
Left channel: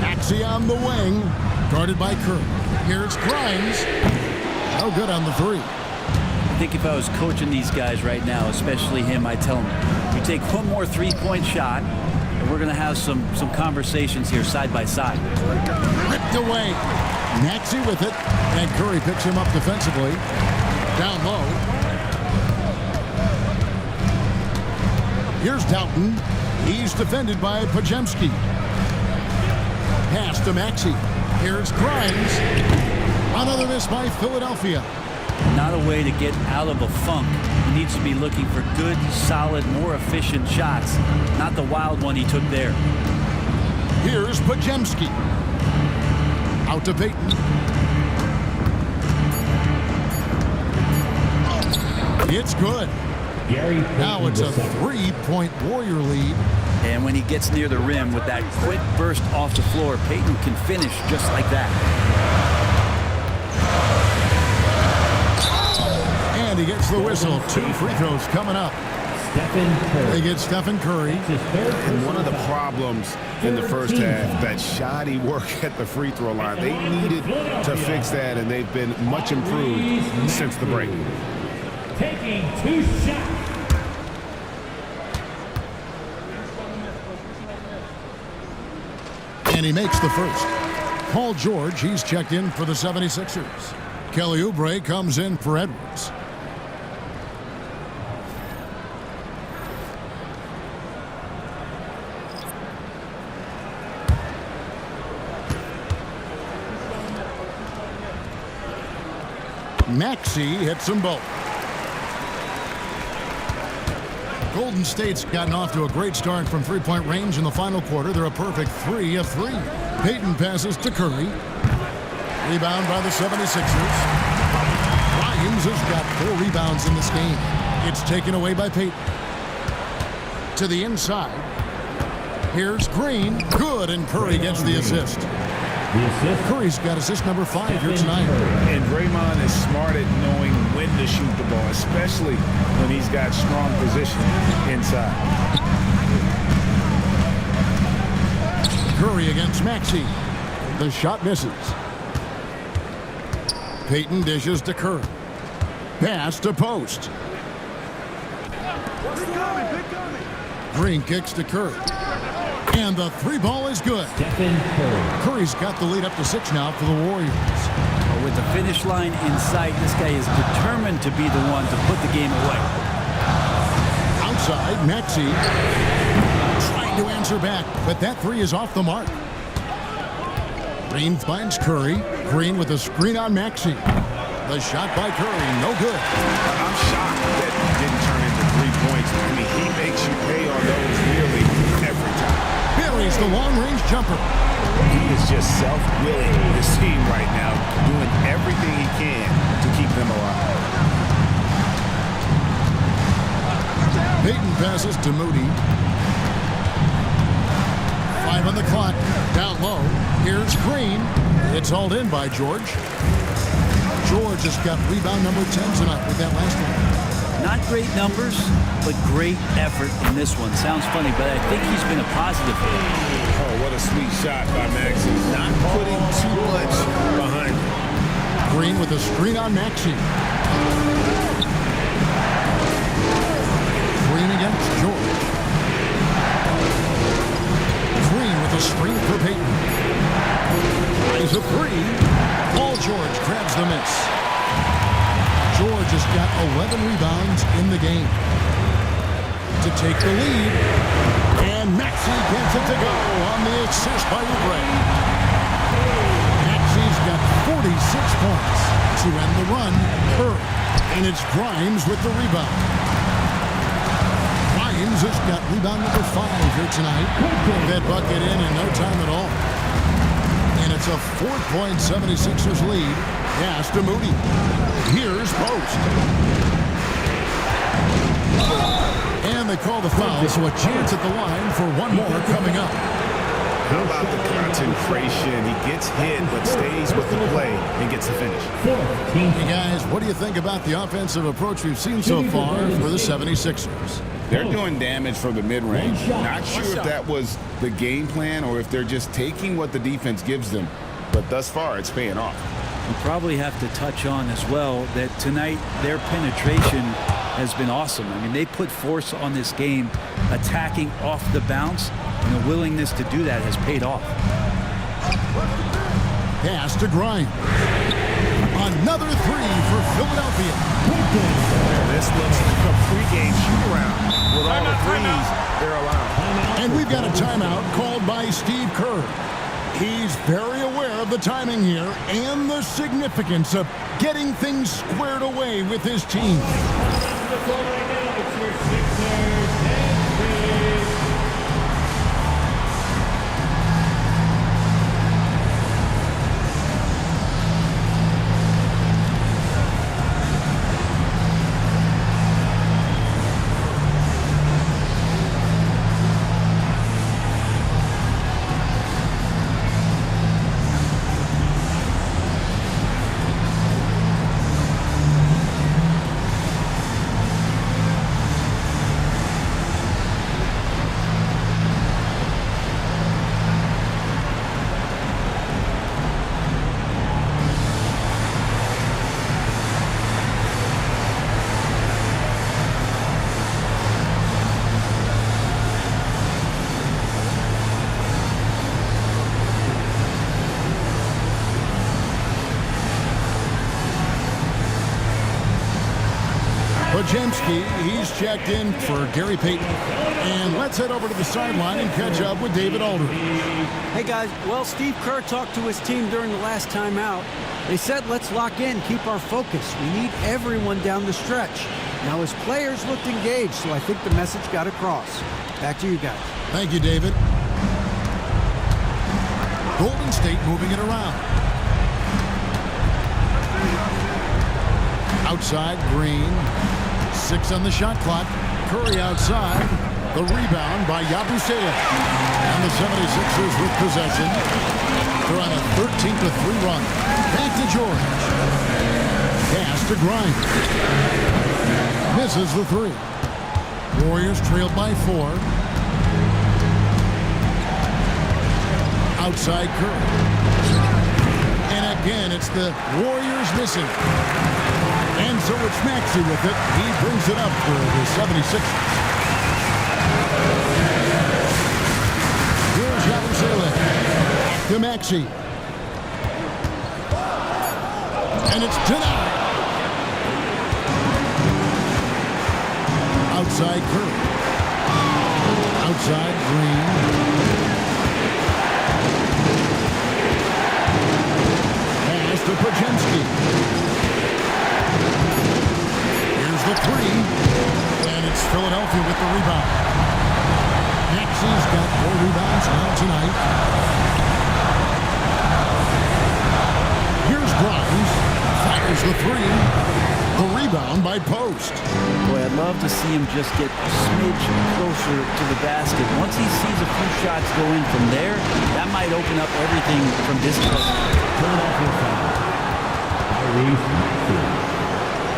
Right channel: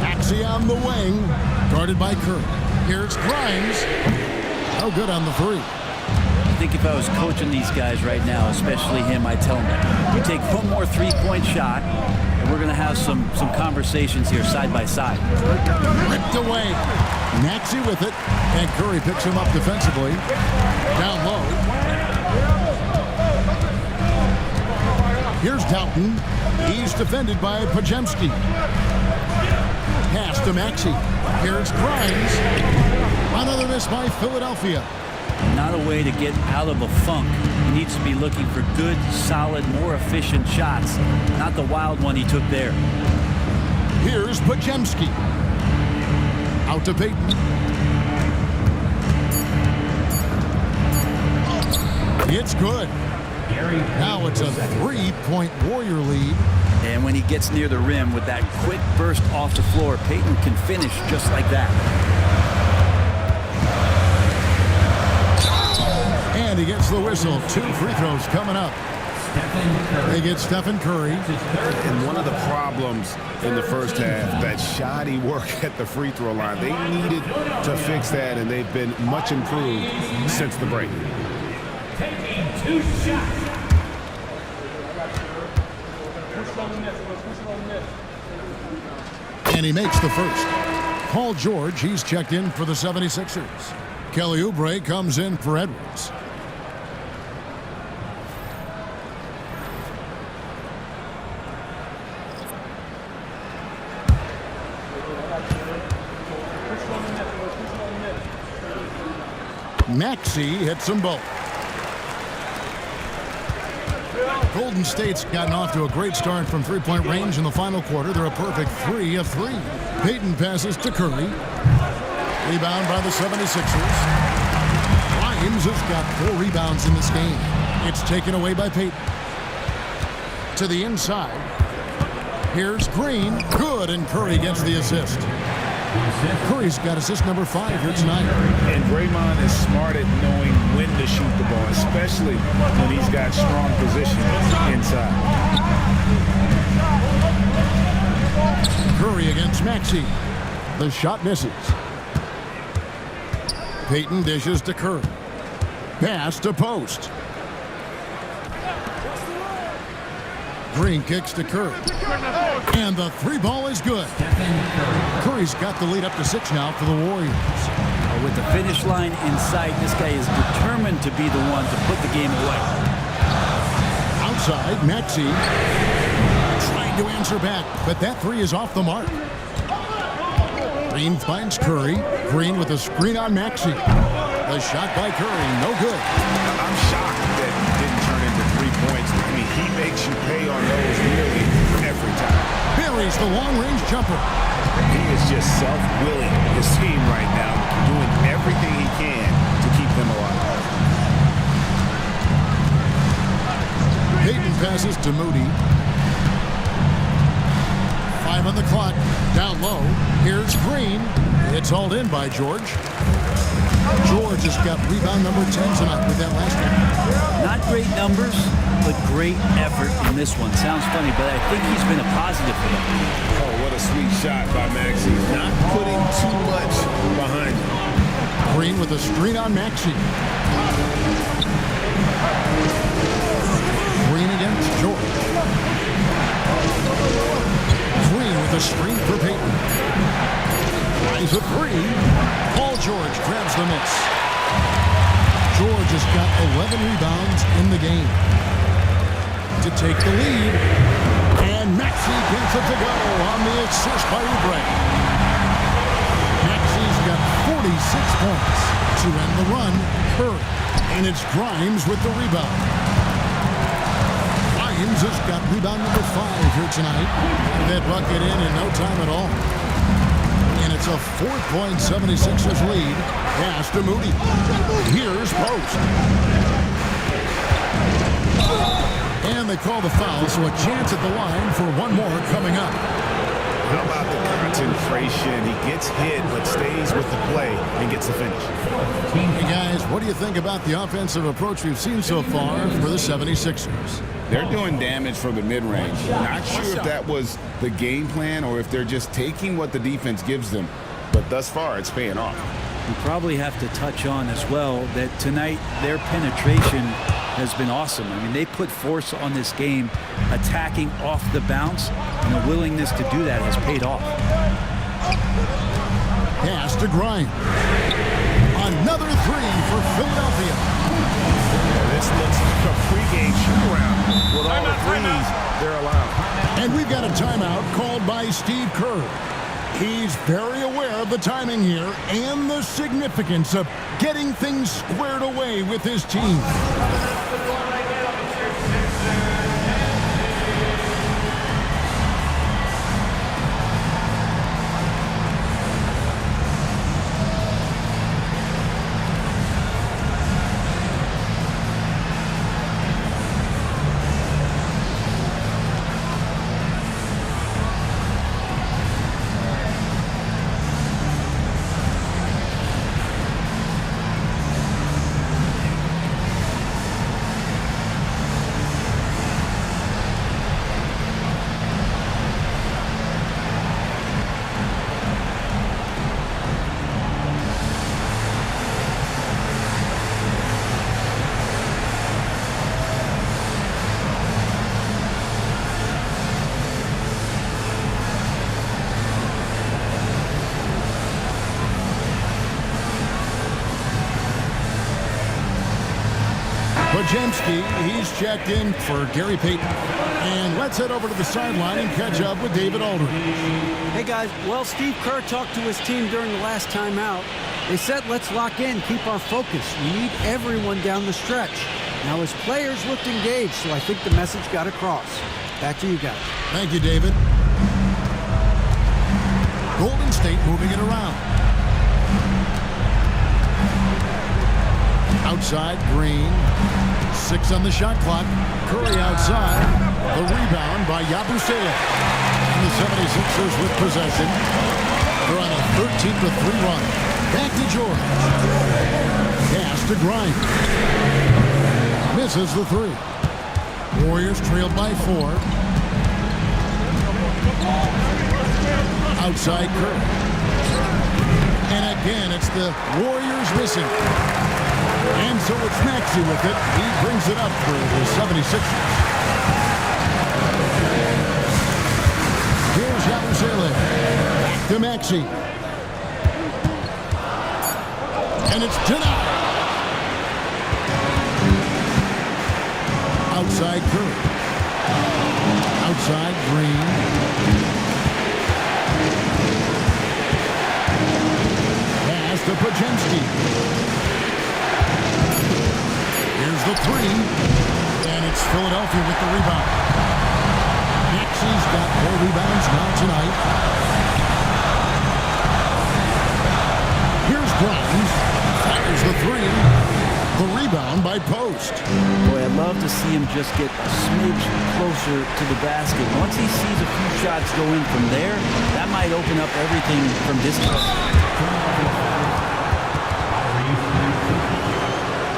Maxey on the wing, guarded by Curry. Here's Grimes. No good on the 3. I think if I was coaching these guys right now, especially him, I'd tell him, you take one more three-point shot, and we're going to have some conversations here side by side. Ripped away. Maxey with it, and Curry picks him up defensively. Down low. Here's Doughton. He's defended by Podemski. Pass to Maxey. Here's Grimes. Another miss by Philadelphia. Not a way to get out of a funk. He needs to be looking for good, solid, more efficient shots, not the wild one he took there. Here's Podemski. Out to Payton. It's good. Now it's a 3-point Warrior lead. And when he gets near the rim with that quick burst off the floor, Payton can finish just like that. And he gets the whistle. 2 free throws coming up. They get Stephen Curry. And one of the problems in the first half, that shoddy work at the free throw line. They needed to fix that, and they've been much improved since the break. Taking 2 shots. And he makes the first. Paul George, he's checked in for the 76ers. Kelly Oubre comes in for Edwards. Maxey hits them both. Golden State's gotten off to a great start from three-point range in the final quarter. They're a perfect 3 of 3. Payton passes to Curry. Rebound by the 76ers. Grimes has got 4 rebounds in this game. It's taken away by Payton. To the inside. Here's Green. Good, and Curry gets the assist. Curry's got assist number 5 here tonight. And Draymond is smart at knowing when to shoot the ball, especially when he's got strong position inside. Curry against Maxey. The shot misses. Payton dishes to Curry. Pass to Post. Green kicks to Curry. And the 3-ball is good. Curry's got the lead up to 6 now for the Warriors. With the finish line in sight, this guy is determined to be the one to put the game away. Outside, Maxey trying to answer back, but that 3 is off the mark. Green finds Curry. Green with a screen on Maxey. The shot by Curry, no good. I'm shocked that didn't turn into 3 points. I mean, he makes you pay on those nearly every time. Buries the long-range jumper. He is just self-willing, his team right now, doing everything he can to keep them alive. Payton passes to Moody. 5 on the clock. Down low. Here's Green. It's hauled in by George. George has got rebound number 10 tonight with that last one. Not great numbers, but great effort in this one. Sounds funny, but I think he's been a positive for them. Oh, what a sweet shot by Maxey. Not putting too much behind him. Green with a screen on Maxey. Green against George. Green with a screen for Payton. Tries a three. Paul George grabs the miss. George has got 11 rebounds in the game to take the lead. And Maxey gets it to go on the assist by Oubre. Maxey's got 46 points to end the run. Curry. And it's Grimes with the rebound. Grimes has got rebound number 5 here tonight. Get that bucket in no time at all. And it's a 4-point 76ers lead. Pass to Moody. Here's Post. And they call the foul, so a chance at the line for one more coming up. How about the concentration? He gets hit, but stays with the play and gets the finish. Hey, guys, what do you think about the offensive approach we've seen so far for the 76ers? They're doing damage from the mid-range. Not sure if that was the game plan or if they're just taking what the defense gives them. But thus far, it's paying off. We probably have to touch on as well that tonight their penetration has been awesome. I mean, they put force on this game, attacking off the bounce, and the willingness to do that has paid off. Pass to Grimes. Another three for Philadelphia. Yeah, this looks like a pregame shoot-around with all the threes they're allowed. And we've got a timeout called by Steve Kerr. He's very aware of the timing here and the significance of getting things squared away with his team. Podziemski, he's checked in for Gary Payton. And let's head over to the sideline and catch up with David Aldridge. Hey, guys. Well, Steve Kerr talked to his team during the last timeout. They said, let's lock in, keep our focus. We need everyone down the stretch. Now, his players looked engaged, so I think the message got across. Back to you guys. Thank you, David. Golden State moving it around. Outside, Green. 6 on the shot clock. Curry outside. The rebound by Yabusele. And the 76ers with possession. They're on a 13-3 run. Back to George. Pass to Grimes. Misses the 3. Warriors trailed by 4. Outside Curry. And again, it's the Warriors missing. And so it's Maxey with it. He brings it up for the 76ers. Here's Yabusele. Back to Maxey. And it's denied. Outside Curry. Outside Green. Pass to Podziemski. fires the three, and it's Philadelphia with the rebound. Maxey's got 4 rebounds now tonight. Here's Grimes, fires the three. The rebound by Post. Boy, I'd love to see him just get a smidge closer to the basket. Once he sees a few shots go in from there, that might open up everything from distance.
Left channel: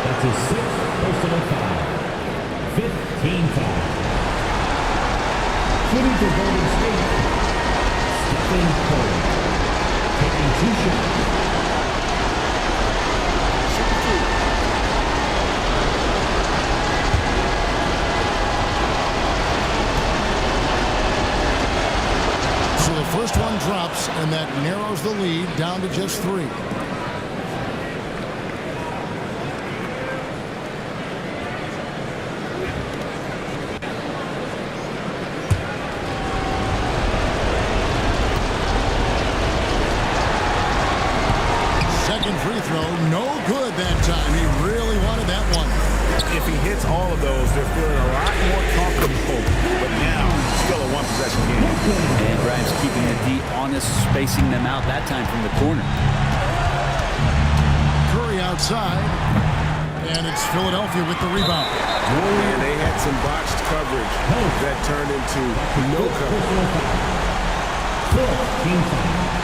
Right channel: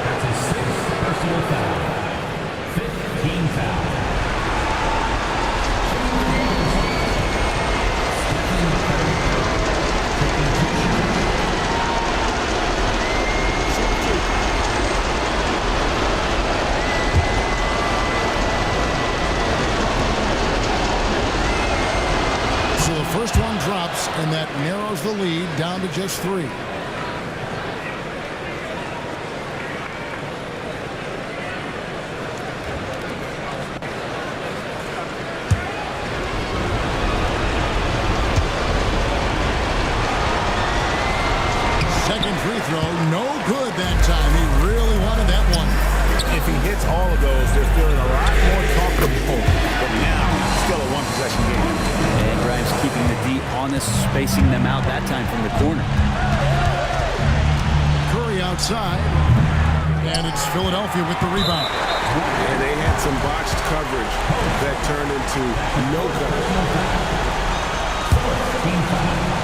That's his 6th personal foul. 15 foul. Shooting for Golden State, Stephen Curry. Taking 2 shots. Shoot 2. So the first one drops, and that narrows the lead down to just 3. Second free throw, no good that time. He really wanted that one. If he hits all of those, they're feeling a lot more comfortable. But now, still a one-possession game. And Grimes keeping the D honest, spacing them out that time from the corner. Curry outside, and it's Philadelphia with the rebound. And they had some botched coverage that turned into no coverage. 14 foul.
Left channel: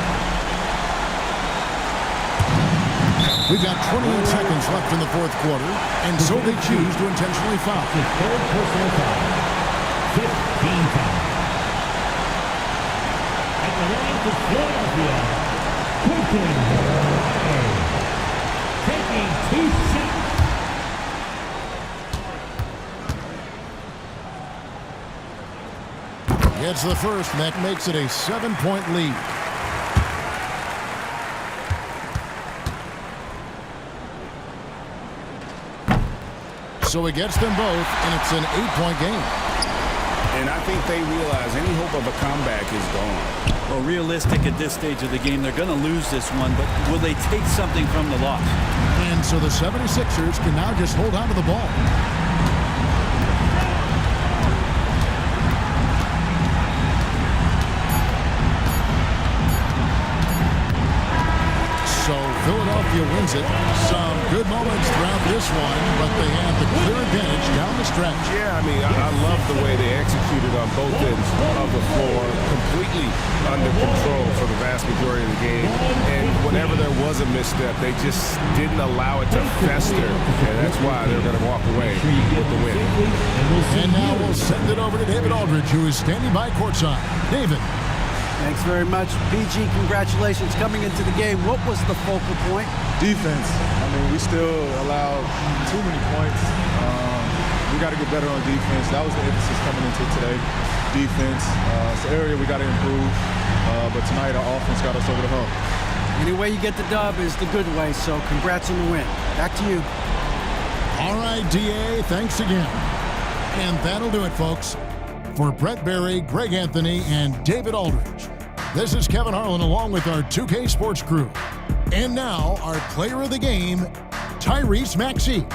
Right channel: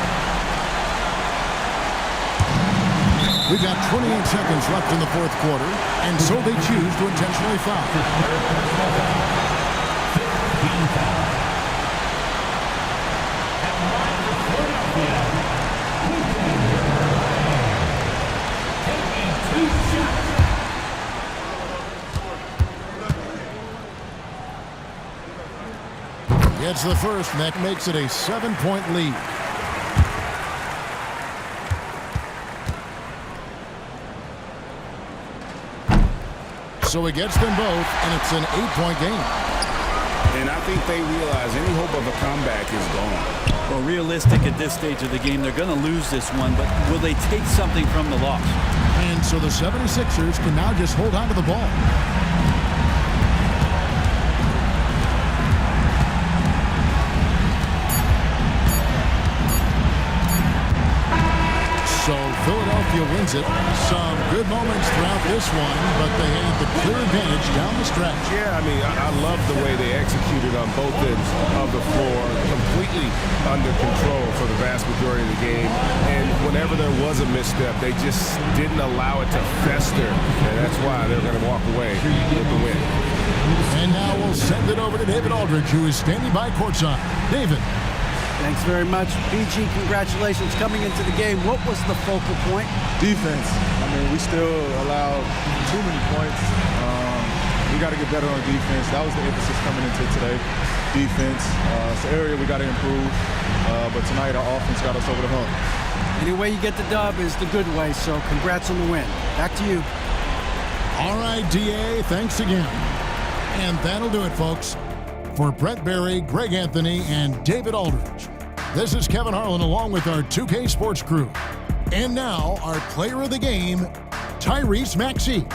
We've got 28 seconds left in the fourth quarter, and so they choose to intentionally foul. His 3rd personal foul. 15 foul. At the line for Philadelphia, Quentin Ray. Taking 2 shots. Gets the first, and that makes it a 7-point lead. So he gets them both, and it's an 8-point game. And I think they realize any hope of a comeback is gone. Well, realistic at this stage of the game, they're going to lose this one, but will they take something from the loss? And so the 76ers can now just hold on to the ball. So Philadelphia wins it. Some good moments throughout this one, but they have the clear advantage down the stretch. Yeah, I mean, I love the way they executed on both ends of the floor, completely under control for the vast majority of the game. And whenever there was a misstep, they just didn't allow it to fester, and that's why they're going to walk away with the win. And now we'll send it over to David Aldridge, who is standing by courtside. David. Thanks very much. BG, congratulations coming into the game. What was the focal point? Defense. I mean, we still allowed too many points. We got to get better on defense. That was the emphasis coming into today. Defense. It's an area we got to improve. But tonight, our offense got us over the hump. Any way you get the dub is the good way, so congrats on the win. Back to you. All right, DA, thanks again. And that'll do it, folks. For Brett Berry, Greg Anthony, and David Aldridge, this is Kevin Harlan along with our 2K Sports crew. And now, our player of the game, Tyrese Maxey.